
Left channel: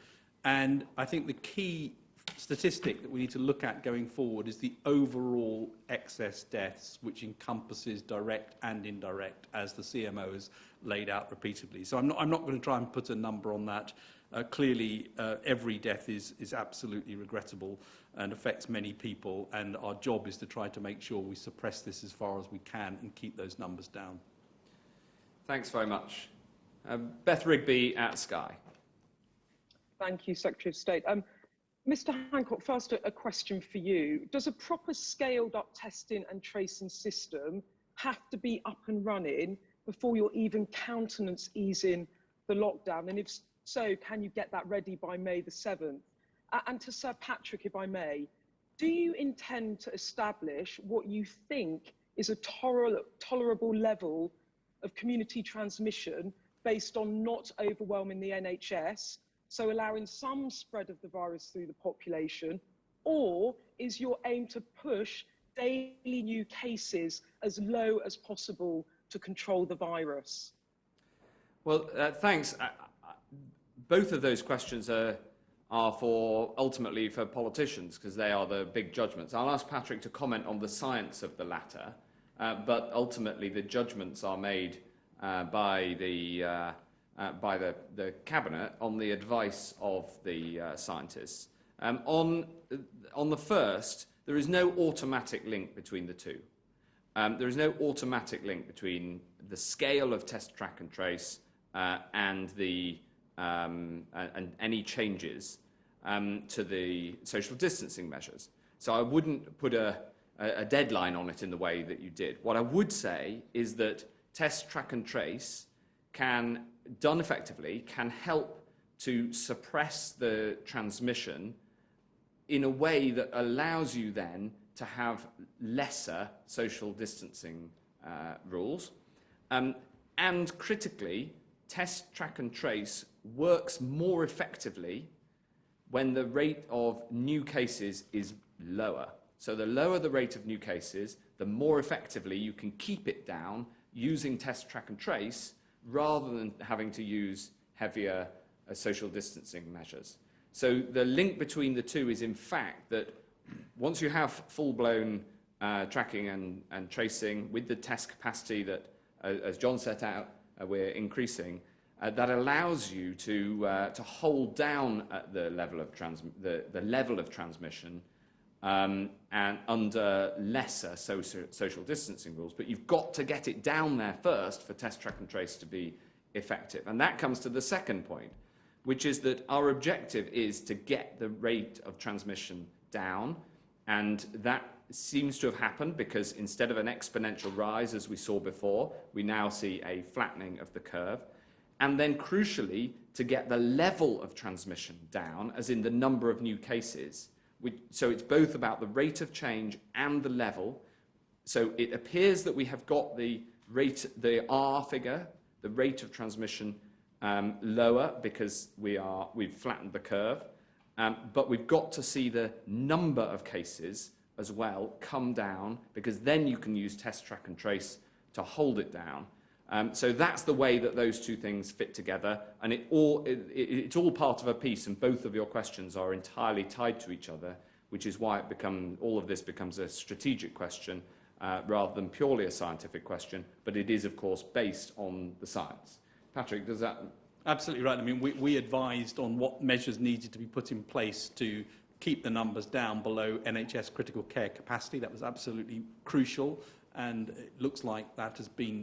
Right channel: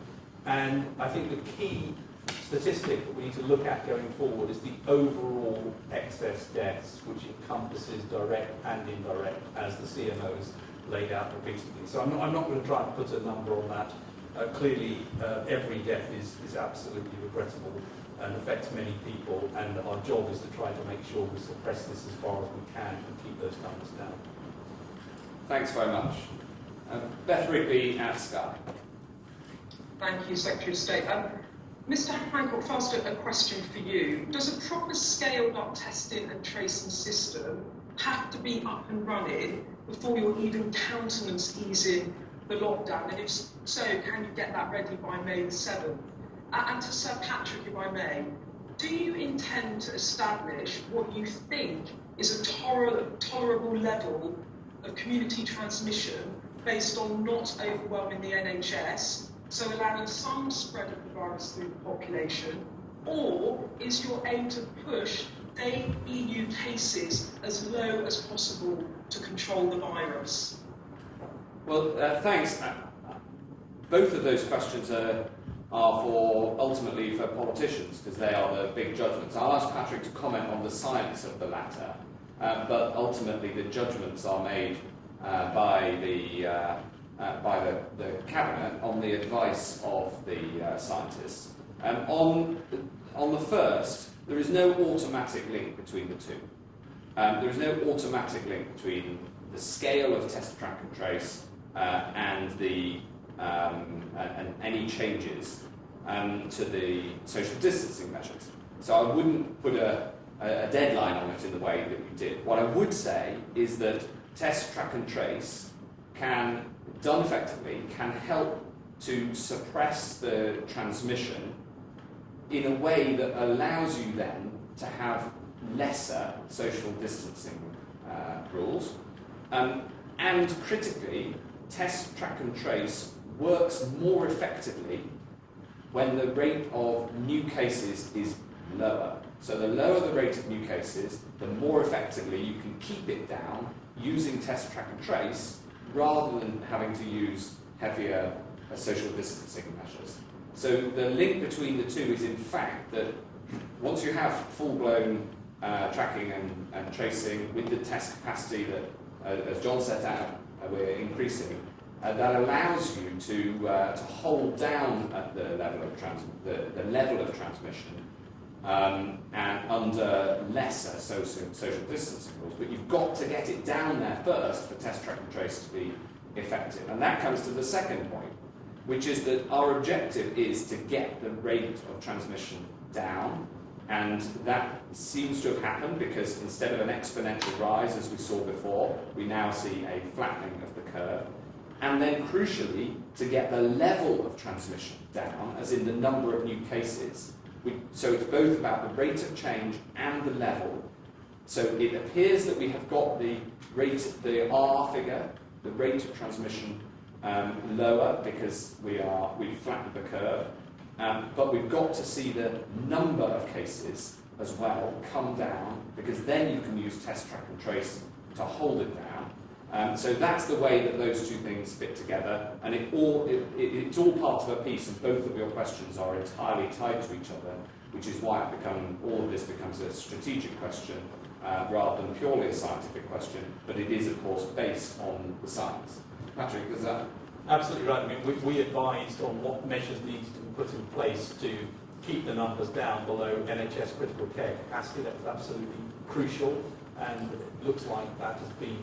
And I think the key statistic that we need to look at going forward is the overall excess deaths, which encompasses direct and indirect, as the CMO has laid out repeatedly. So I'm not going to try and put a number on that. Clearly, every death is absolutely regrettable and affects many people, and our job is to try to make sure we suppress this as far as we can and keep those numbers down. Thanks very much. Beth Rigby at Sky. Thank you, Secretary of State. Mr. Hancock, first a question for you. Does a proper scaled-up testing and tracing system have to be up and running before you're even countenance easing the lockdown? And if so, can you get that ready by May the 7th? And to Sir Patrick, if I may, do you intend to establish what you think is a tolerable level of community transmission based on not overwhelming the NHS so allowing some spread of the virus through the population, or is your aim to push daily new cases as low as possible to control the virus? Well, thanks. Both of those questions are ultimately for politicians, because they are the big judgments. I'll ask Patrick to comment on the science of the matter, but ultimately the judgments are made by the cabinet on the advice of the scientists. On the first, there is no automatic link between the two. There is no automatic link between the scale of test, track and trace and any changes to the social distancing measures. So I wouldn't put a deadline on it in the way that you did. What I would say is that test, track and trace done effectively, can help to suppress the transmission in a way that allows you then to have lesser social distancing rules. And critically, test, track and trace works more effectively when the rate of new cases is lower. So the lower the rate of new cases, the more effectively you can keep it down using test, track and trace rather than having to use heavier social distancing measures. So the link between the two is in fact that once you have full-blown tracking and tracing with the test capacity that, as John set out, we're increasing, that allows you to hold down at the level of transmission and under lesser social distancing rules. But you've got to get it down there first for test, track and trace to be effective. And that comes to the second point, which is that our objective is to get the rate of transmission down, and that seems to have happened because instead of an exponential rise as we saw before, we now see a flattening of the curve. And then crucially, to get the level of transmission down, as in the number of new cases. So it's both about the rate of change and the level. So it appears that we have got the R figure, the rate of transmission, lower because we've flattened the curve. But we've got to see the number of cases as well come down, because then you can use test, track and trace to hold it down. So that's the way that those two things fit together, and it's all part of a piece, and both of your questions are entirely tied to each other, which is why all of this becomes a strategic question rather than purely a scientific question, but it is of course based on the science. Patrick, is that? Absolutely right. I mean, we advised on what measures needed to be put in place to keep the numbers down below NHS critical care capacity. That was absolutely crucial, and it looks like that has been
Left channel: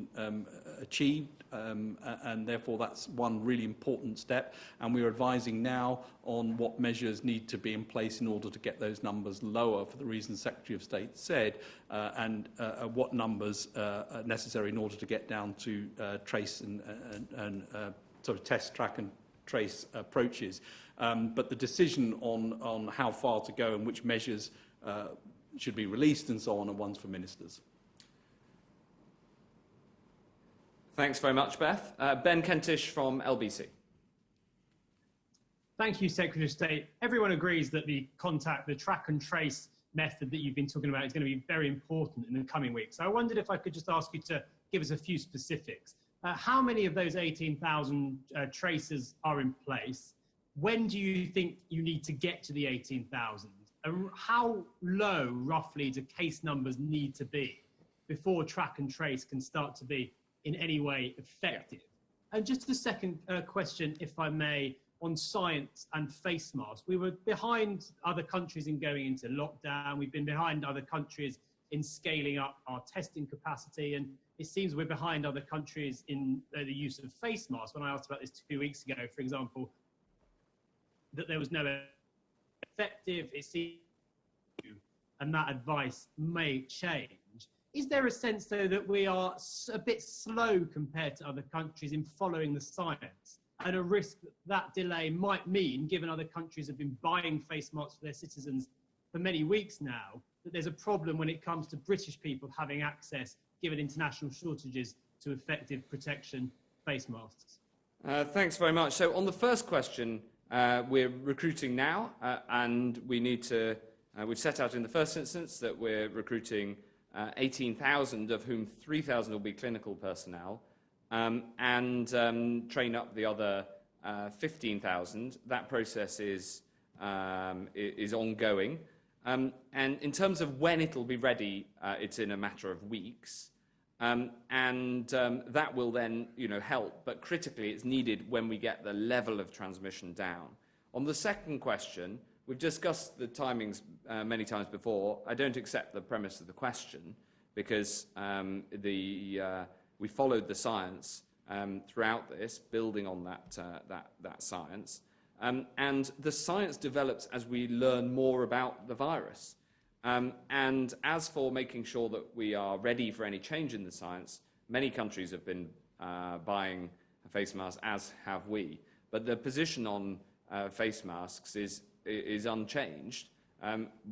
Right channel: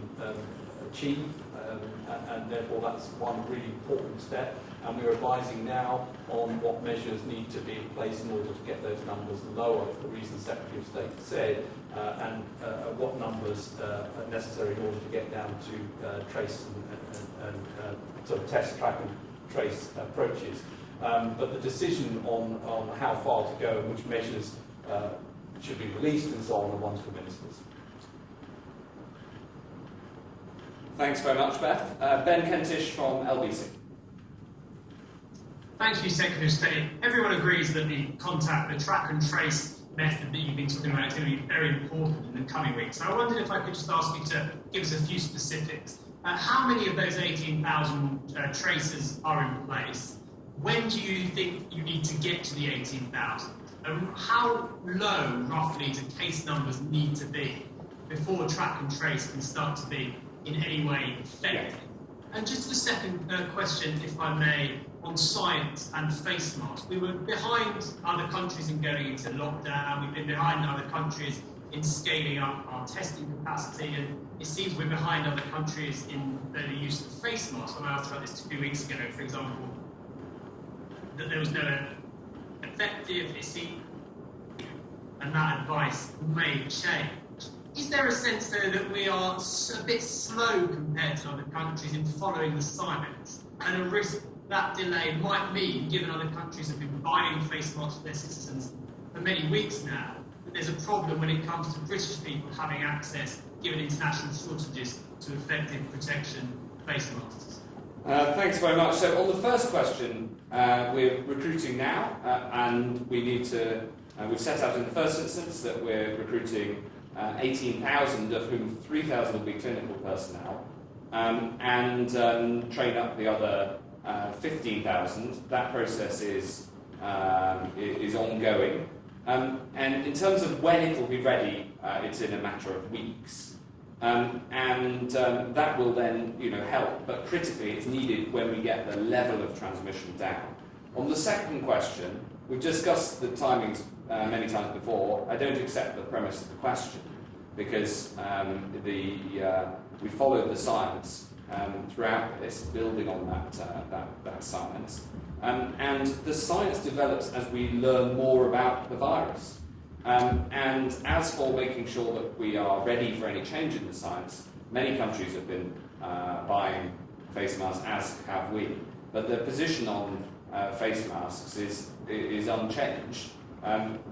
achieved, and therefore that's one really important step. And we're advising now on what measures need to be in place in order to get those numbers lower, for the reasons the Secretary of State said, and what numbers are necessary in order to get down to trace and sort of test, track and trace approaches. But the decision on how far to go and which measures should be released and so on are ones for ministers. Thanks very much, Beth. Ben Kentish from LBC. Thank you, Secretary of State. Everyone agrees that the track and trace method that you've been talking about is going to be very important in the coming weeks. So I wondered if I could just ask you to give us a few specifics. How many of those 18,000 tracers are in place? When do you think you need to get to the 18,000? And how low, roughly, do case numbers need to be before track and trace can start to be in any way effective? And just the second question, if I may, on science and face masks. We were behind other countries in going into lockdown. We've been behind other countries in scaling up our testing capacity, and it seems we're behind other countries in the use of face masks. When I asked about this 2 weeks ago, for example, that there was no effective, and that advice may change. Is there a sense, though, that we are a bit slow compared to other countries in following the science, and a risk that delay might mean, given other countries have been buying face masks for their citizens for many weeks now, that there's a problem when it comes to British people having access, given international shortages, to effective protection face masks? Thanks very much. So on the first question, We're recruiting now, and we need to. We've set out in the first instance that we're recruiting 18,000, of whom 3,000 will be clinical personnel, and train up the other 15,000. That process is ongoing. And in terms of when it will be ready, it's in a matter of weeks. That will then, help, but critically it's needed when we get the level of transmission down. On the second question, we've discussed the timings many times before. I don't accept the premise of the question because we followed the science throughout this, building on that science. And the science develops as we learn more about the virus. And as for making sure that we are ready for any change in the science, many countries have been buying face masks, as have we. But the position on face masks is unchanged.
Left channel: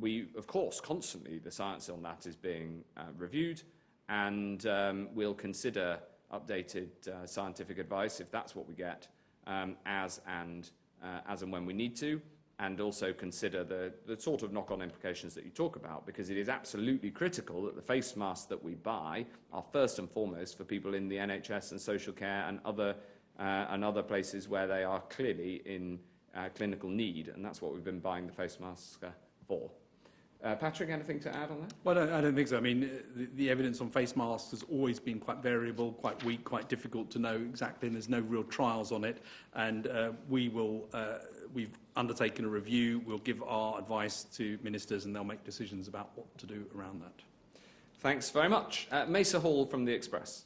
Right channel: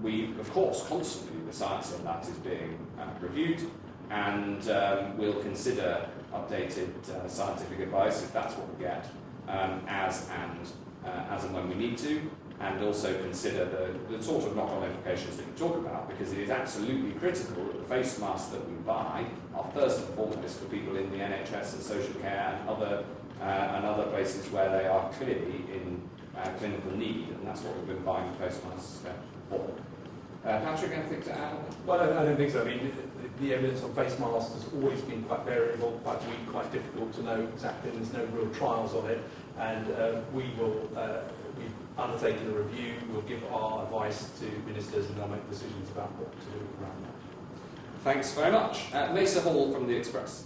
We, of course, constantly, the science on that is being reviewed, and we'll consider updated scientific advice if that's what we get, as and when we need to, and also consider the sort of knock-on implications that you talk about, because it is absolutely critical that the face masks that we buy are first and foremost for people in the NHS and social care and other places where they are clearly in clinical need, and that's what we've been buying face masks for. Patrick, anything to add on that? Well, I don't think so. I mean, the evidence on face masks has always been quite variable, quite weak, quite difficult to know exactly. There's no real trials on it, and we've undertaken a review. We'll give our advice to ministers, and they'll make decisions about what to do around that. Thanks very much. Mesa Hall from The Express.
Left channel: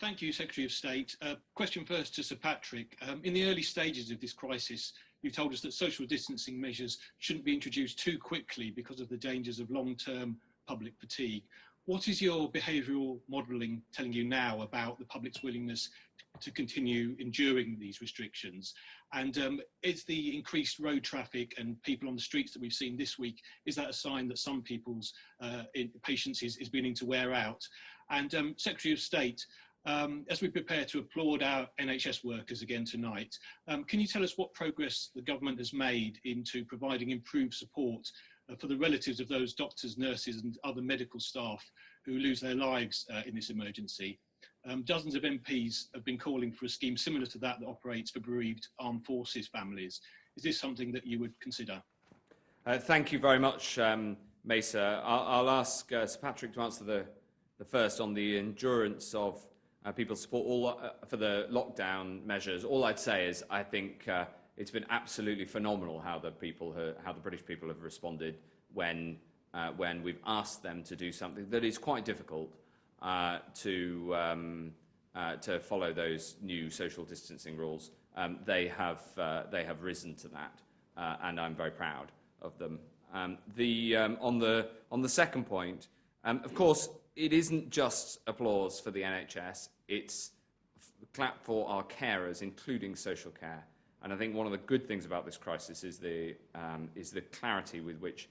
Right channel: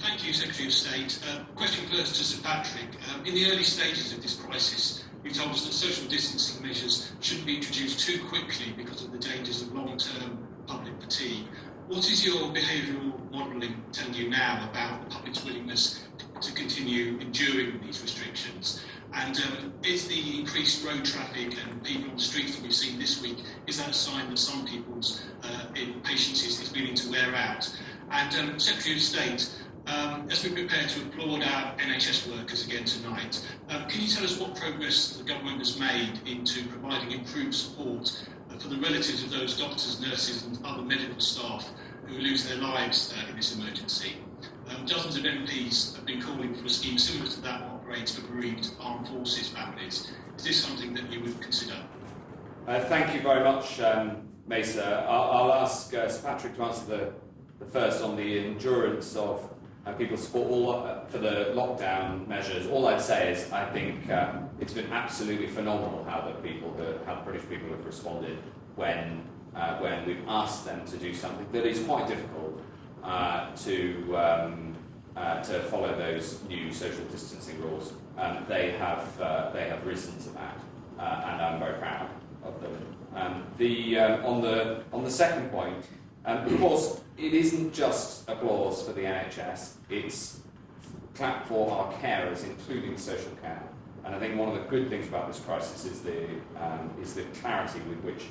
Thank you, Secretary of State. Question first to Sir Patrick. In the early stages of this crisis, you told us that social distancing measures shouldn't be introduced too quickly because of the dangers of long-term public fatigue. What is your behavioural modelling telling you now about the public's willingness to continue enduring these restrictions? And is the increased road traffic and people on the streets that we've seen this week, is that a sign that some people's patience is beginning to wear out? And Secretary of State, as we prepare to applaud our NHS workers again tonight, can you tell us what progress the government has made into providing improved support for the relatives of those doctors, nurses and other medical staff who lose their lives in this emergency? Dozens of MPs have been calling for a scheme similar to that operates for bereaved armed forces families. Is this something that you would consider? Thank you very much, Mesa. I'll ask Sir Patrick to answer the first on the endurance of people's support for the lockdown measures. All I'd say is I think it's been absolutely phenomenal how the British people have responded when we've asked them to do something that is quite difficult to follow those new social distancing rules. They have risen to that, and I'm very proud of them. On the second point, of course, it isn't just applause for the NHS, it's clap for our carers, including social care. And I think one of the good things about this crisis is the clarity with which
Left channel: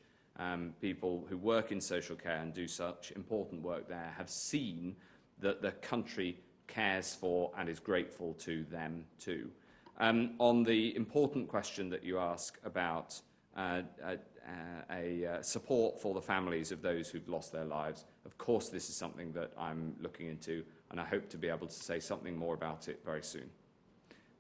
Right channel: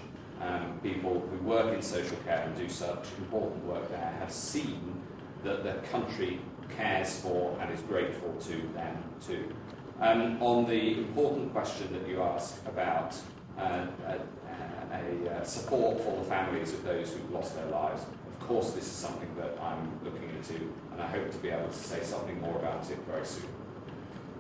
people who work in social care and do such important work there have seen that the country cares for and is grateful to them too. On the important question that you ask about support for the families of those who've lost their lives, of course this is something that I'm looking into, and I hope to be able to say something more about it very soon.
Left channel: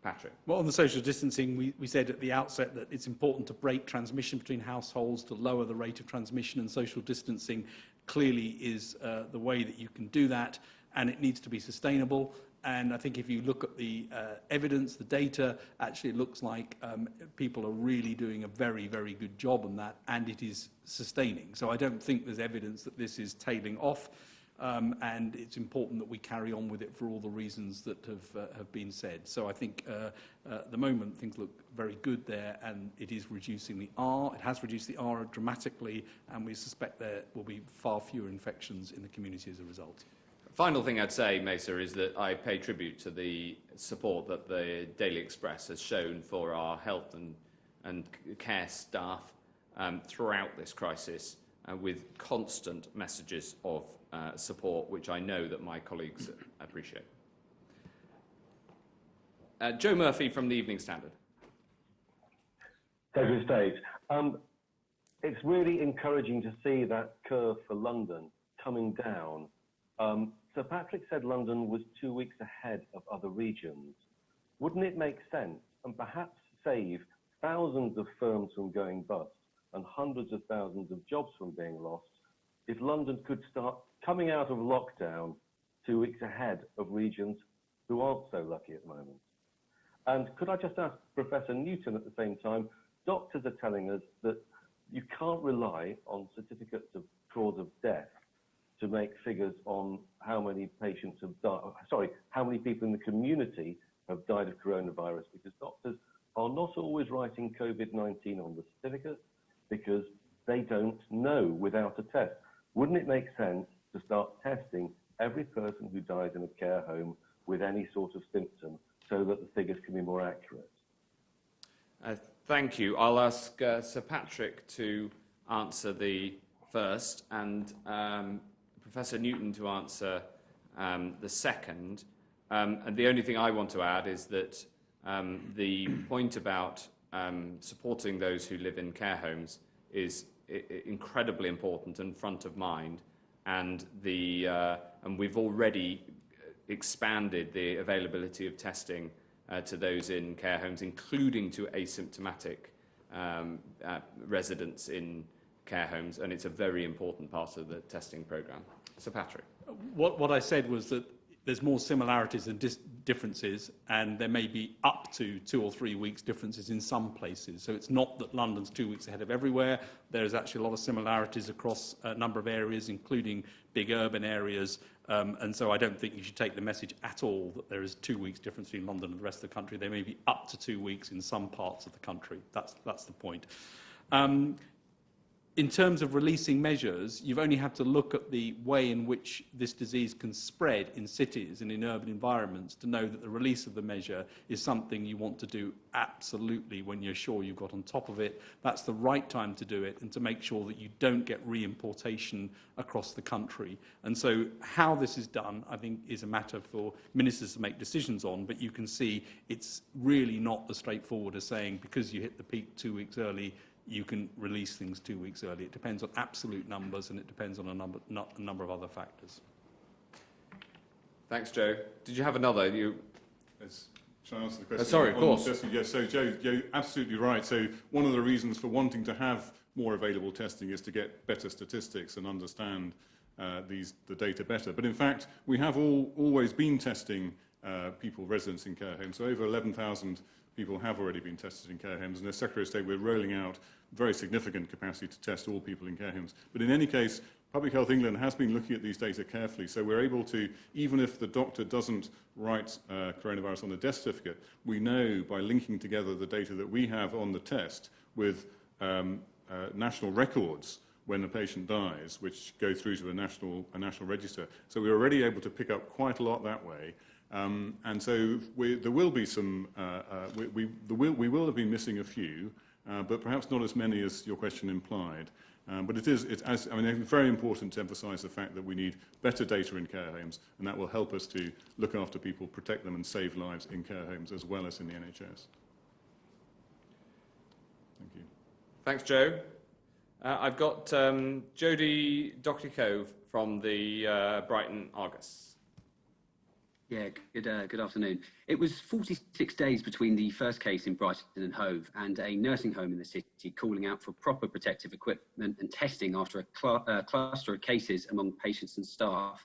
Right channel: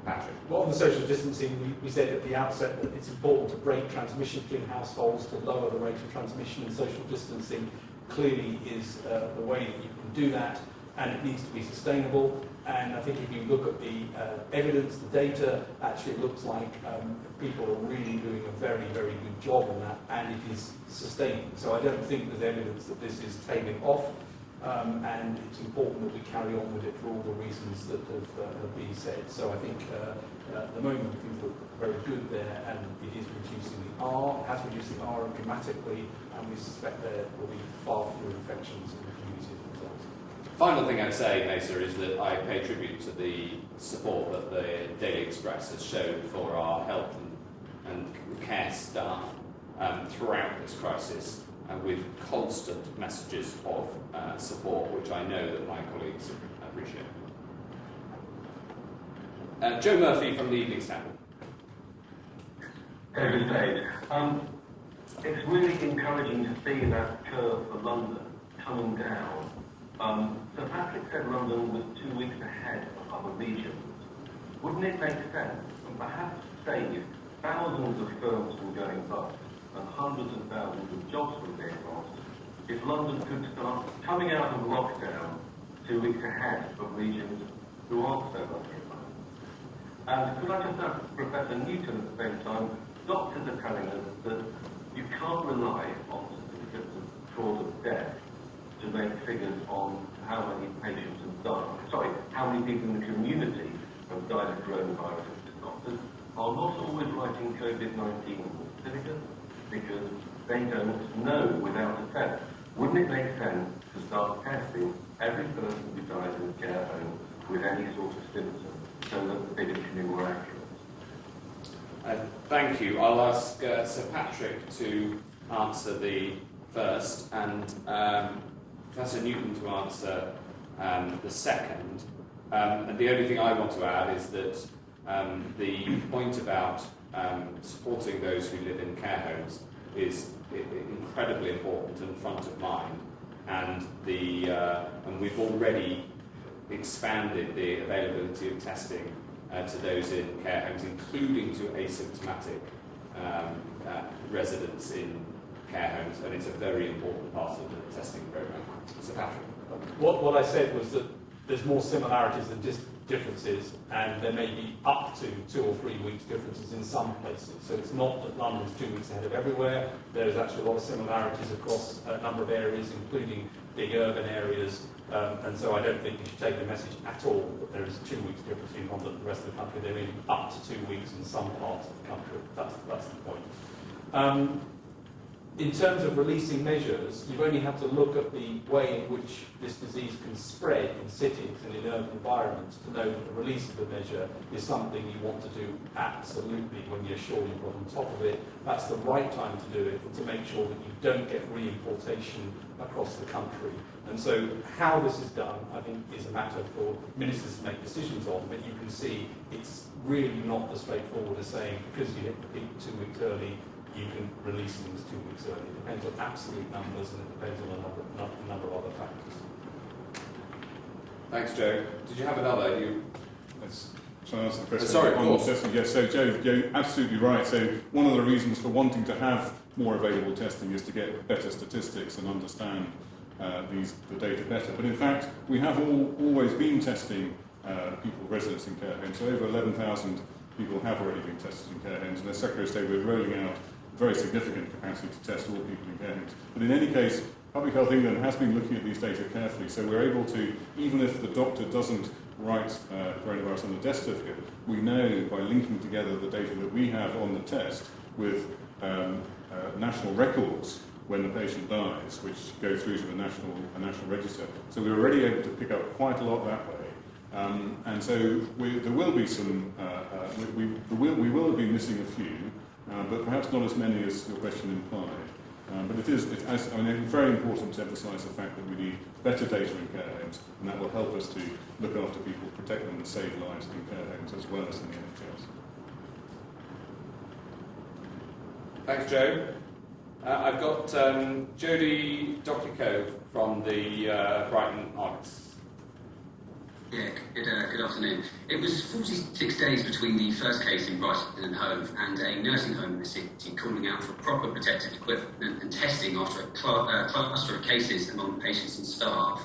Patrick. Well, on the social distancing, we said at the outset that it's important to break transmission between households to lower the rate of transmission, and social distancing clearly is the way that you can do that, and it needs to be sustainable. And I think if you look at the evidence, the data, actually it looks like people are really doing a very, very good job on that, and it is sustaining. So I don't think there's evidence that this is tailing off, and it's important that we carry on with it for all the reasons that have been said. So I think at the moment things look very good there, and it is reducing the R. It has reduced the R dramatically, and we suspect there will be far fewer infections in the community as a result. Final thing I'd say, Mesa, is that I pay tribute to the support that the Daily Express has shown for our health and care staff throughout this crisis, with constant messages of support, which I know that my colleagues appreciate. Joe Murphy from the Evening Standard. David Spade. It's really encouraging to see that curve for London coming down. Sir Patrick said London was 2 weeks ahead of other regions. Wouldn't it make sense and perhaps save thousands of firms from going bust and hundreds of thousands of jobs from being lost if London could start coming out of lockdown 2 weeks ahead of regions who aren't so lucky at the moment? And could I just ask Professor Newton at the same time, doctors are telling us that you can't rely on certificates of cause of death to make figures on how many patients have died, how many people in the community have died of coronavirus. Doctors are not always writing COVID-19 certificates because they don't know without a test. Wouldn't it make sense to start testing every person who dies in a care home with any sort of symptom so that the figures can be more accurate? Thank you. I'll ask Sir Patrick to answer the first and Professor Newton to answer the second. And the only thing I want to add is that the point about supporting those who live in care homes is incredibly important and front of mind. And we've already expanded the availability of testing to those in care homes, including to asymptomatic residents in care homes, and it's a very important part of the testing programme. Sir Patrick. What I said was that there's more similarities than differences, and there may be up to 2 or 3 weeks differences in some places. So it's not that London's 2 weeks ahead of everywhere. There's actually a lot of similarities across a number of areas, including big urban areas. And so I don't think you should take the message at all that there is 2 weeks difference between London and the rest of the country. There may be up to 2 weeks in some parts of the country. That's the point. In terms of releasing measures, you've only had to look at the way in which this disease can spread in cities and in urban environments to know that the release of the measure is something you want to do absolutely when you're sure you've got on top of it. That's the right time to do it, and to make sure that you don't get reimportation across the country. And so how this is done, I think, is a matter for ministers to make decisions on, but you can see it's really not as straightforward as saying because you hit the peak 2 weeks early, you can release things 2 weeks early. It depends on absolute numbers, and it depends on a number of other factors. Thanks, Joe. Did you have another? Yes. Shall I answer the question? Sorry, of course. Yes, so Joe, absolutely right. So one of the reasons for wanting to have more available testing is to get better statistics and understand the data better. But in fact, we have always been testing people, residents in care homes. So over 11,000 people have already been tested in care homes, and as Secretary of State, we're rolling out very significant capacity to test all people in care homes. But in any case, Public Health England has been looking at these data carefully, so we're able to, even if the doctor doesn't write coronavirus on the death certificate, we know by linking together the data that we have on the test with national records when the patient dies, which go through to a national register. So we're already able to pick up quite a lot that way. And so there will be some, we will have been missing a few, but perhaps not as many as your question implied. But it's very important to emphasise the fact that we need better data in care homes, and that will help us to look after people, protect them and save lives in care homes as well as in the NHS. Thanks, Joe. I've got Jodie Dockley-Cove from the Brighton Argus. Yeah, good afternoon. It was 46 days between the first case in Brighton and Hove and a nursing home in the city calling out for proper protective equipment and testing after a cluster of cases among patients and staff.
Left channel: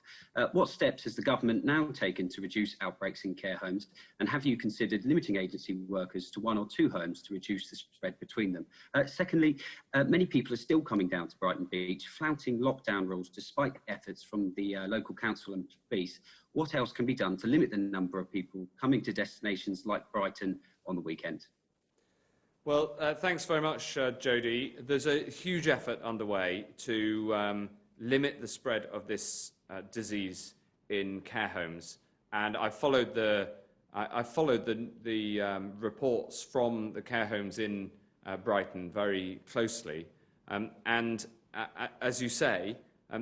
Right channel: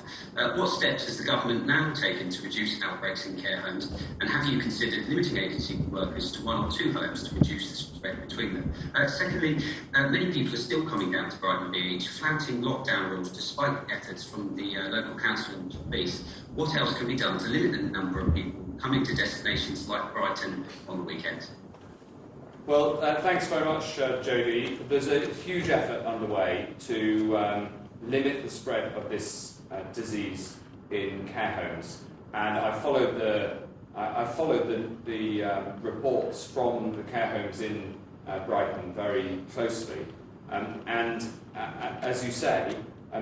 What steps has the government now taken to reduce outbreaks in care homes, and have you considered limiting agency workers to 1 or 2 homes to reduce the spread between them? Secondly, many people are still coming down to Brighton Beach, flouting lockdown rules despite efforts from the local council and police. What else can be done to limit the number of people coming to destinations like Brighton on the weekend? Well, thanks very much, Jodie. There's a huge effort underway to limit the spread of this disease in care homes, and I followed the reports from the care homes in Brighton very closely, and as you say,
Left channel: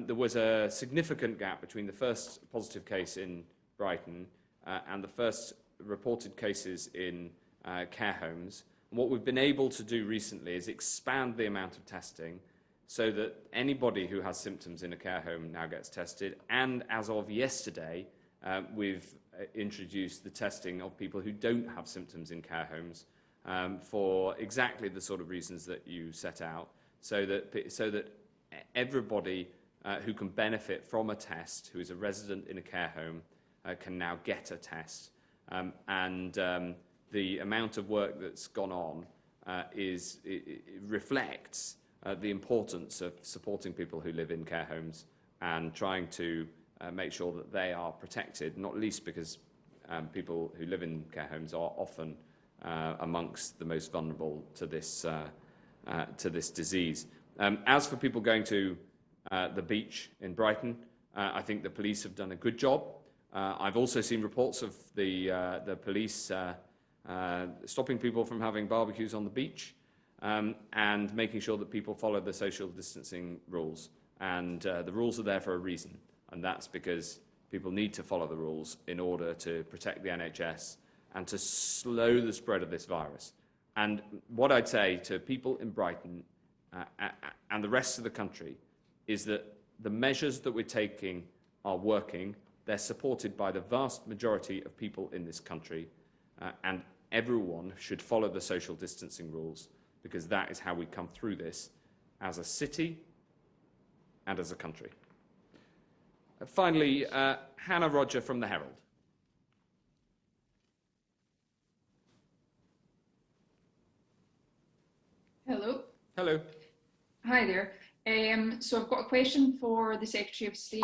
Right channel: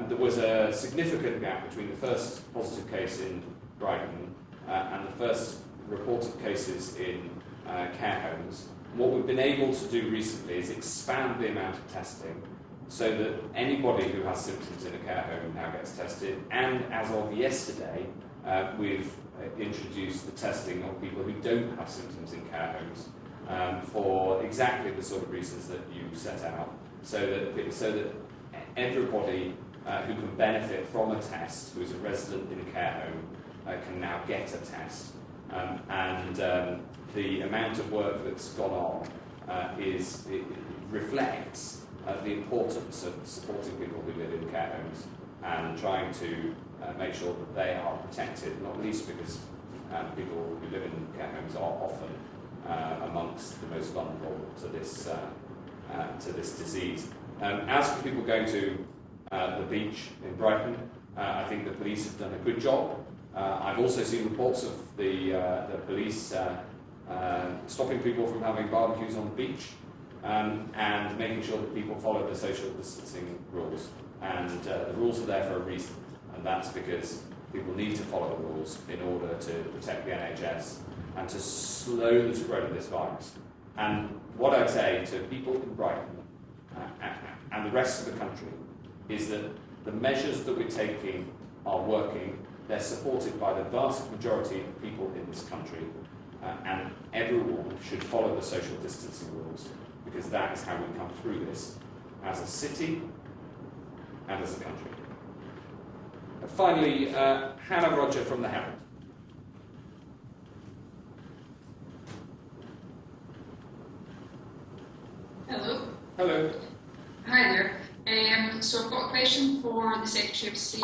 there was a significant gap between the first positive case in Brighton and the first reported cases in care homes. what we've been able to do recently is expand the amount of testing so that anybody who has symptoms in a care home now gets tested. And as of yesterday, we've introduced the testing of people who don't have symptoms in care homes for exactly the sort of reasons that you set out, so that everybody who can benefit from a test, who is a resident in a care home, can now get a test. The amount of work that's gone on it reflects the importance of supporting people who live in care homes and trying to make sure that they are protected, not least because people who live in care homes are often amongst the most vulnerable to this disease. As for people going to the beach in Brighton, I think the police have done a good job. I've also seen reports of the police stopping people from having barbecues on the beach and making sure that people follow the social distancing rules. And the rules are there for a reason, and that's because people need to follow the rules in order to protect the NHS and to slow the spread of this virus. And what I'd say to people in Brighton and the rest of the country is that the measures that we're taking are working. They're supported by the vast majority of people in this country, and everyone should follow the social distancing rules, because that is how we come through this as a city and as a country. Finally, Hannah Roger from the Herald. Hello. Hello. Hi there. So I've got a question for the Secretary of State.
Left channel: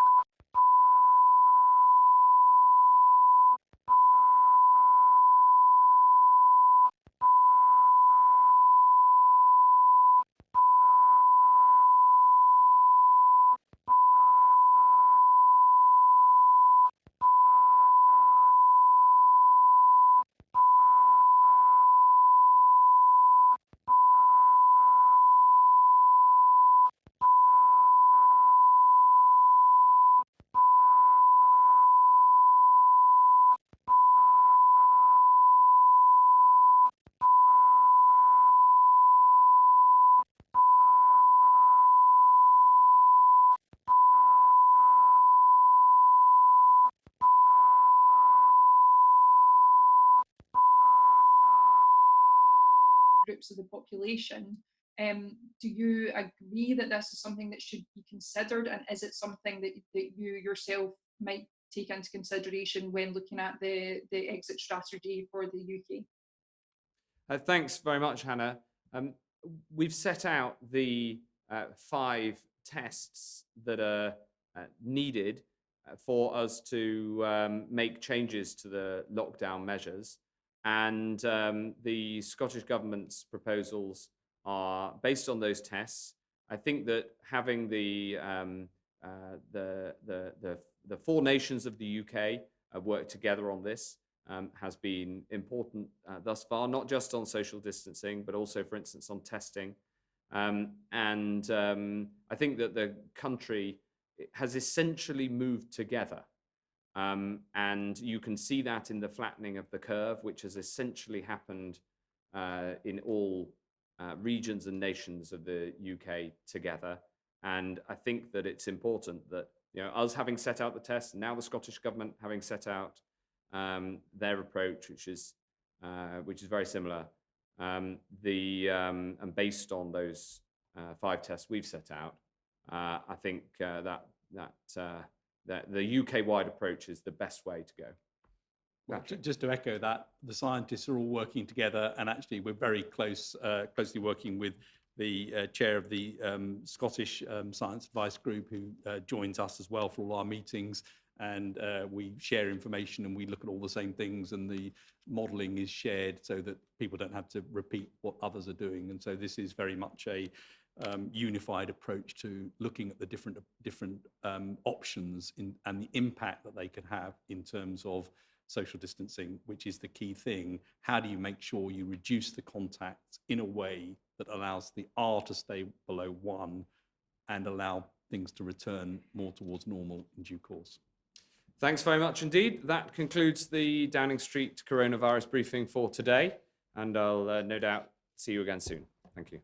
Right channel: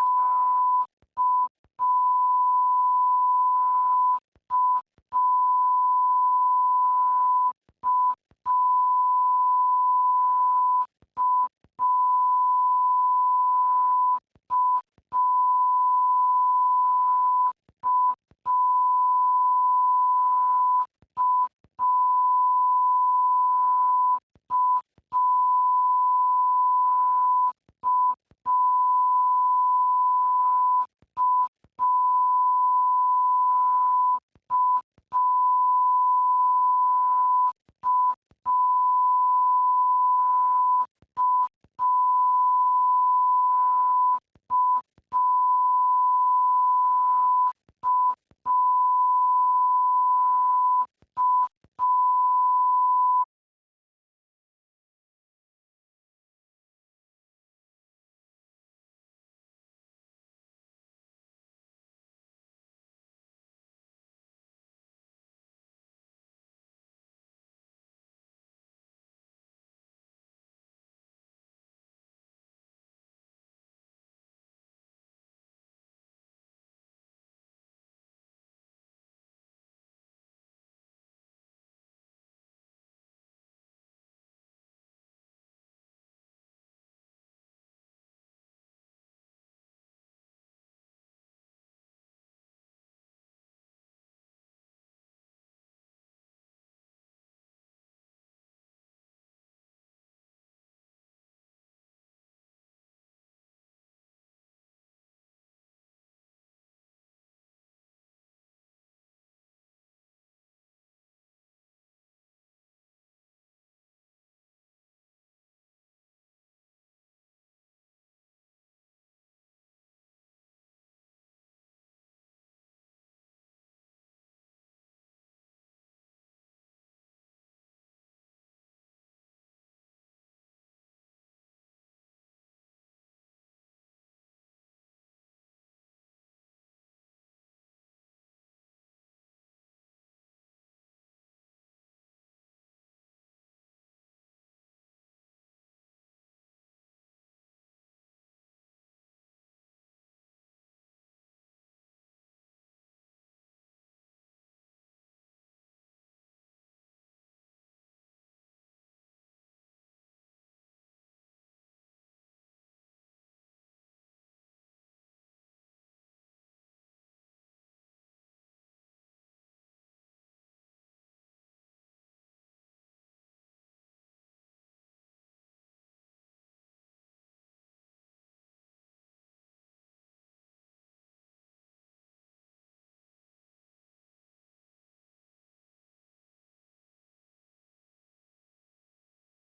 Groups of the population. Do you agree that this is something that should be considered, and is it something that you yourself might take into consideration when looking at the exit strategy for the UK? Thanks very much, Hannah. We've set out the 5 tests that are needed for us to make changes to the lockdown measures. And the Scottish Government's proposals are based on those tests. I think that having the 4 nations of the UK work together on this has been important thus far, not just on social distancing, but also, for instance, on testing. I think that the country has essentially moved together. And you can see that in the flattening of the curve, which has essentially happened in all regions and nations of the UK together. And I think that it's important that, us having set out the test, and now the Scottish Government having set out their approach, which is very similar, and based on those 5 tests we've set out, I think that the UK-wide approach is the best way to go. Well, just to echo that, the scientists are all working together, and actually we're very closely working with the chair of the Scottish Science Advice Group, who joins us as well for all our meetings, and we share information and we look at all the same things, and the modelling is shared so that people don't have to repeat what others are doing. And so this is very much a unified approach to looking at the different options and the impact that they can have in terms of social distancing, which is the key thing. How do you make sure you reduce the contact in a way that allows the R to stay below 1 and allow things to return more towards normal in due course? Thanks very much indeed. That concludes the Downing Street coronavirus briefing for today, and I'll no doubt see you again soon. Thank you.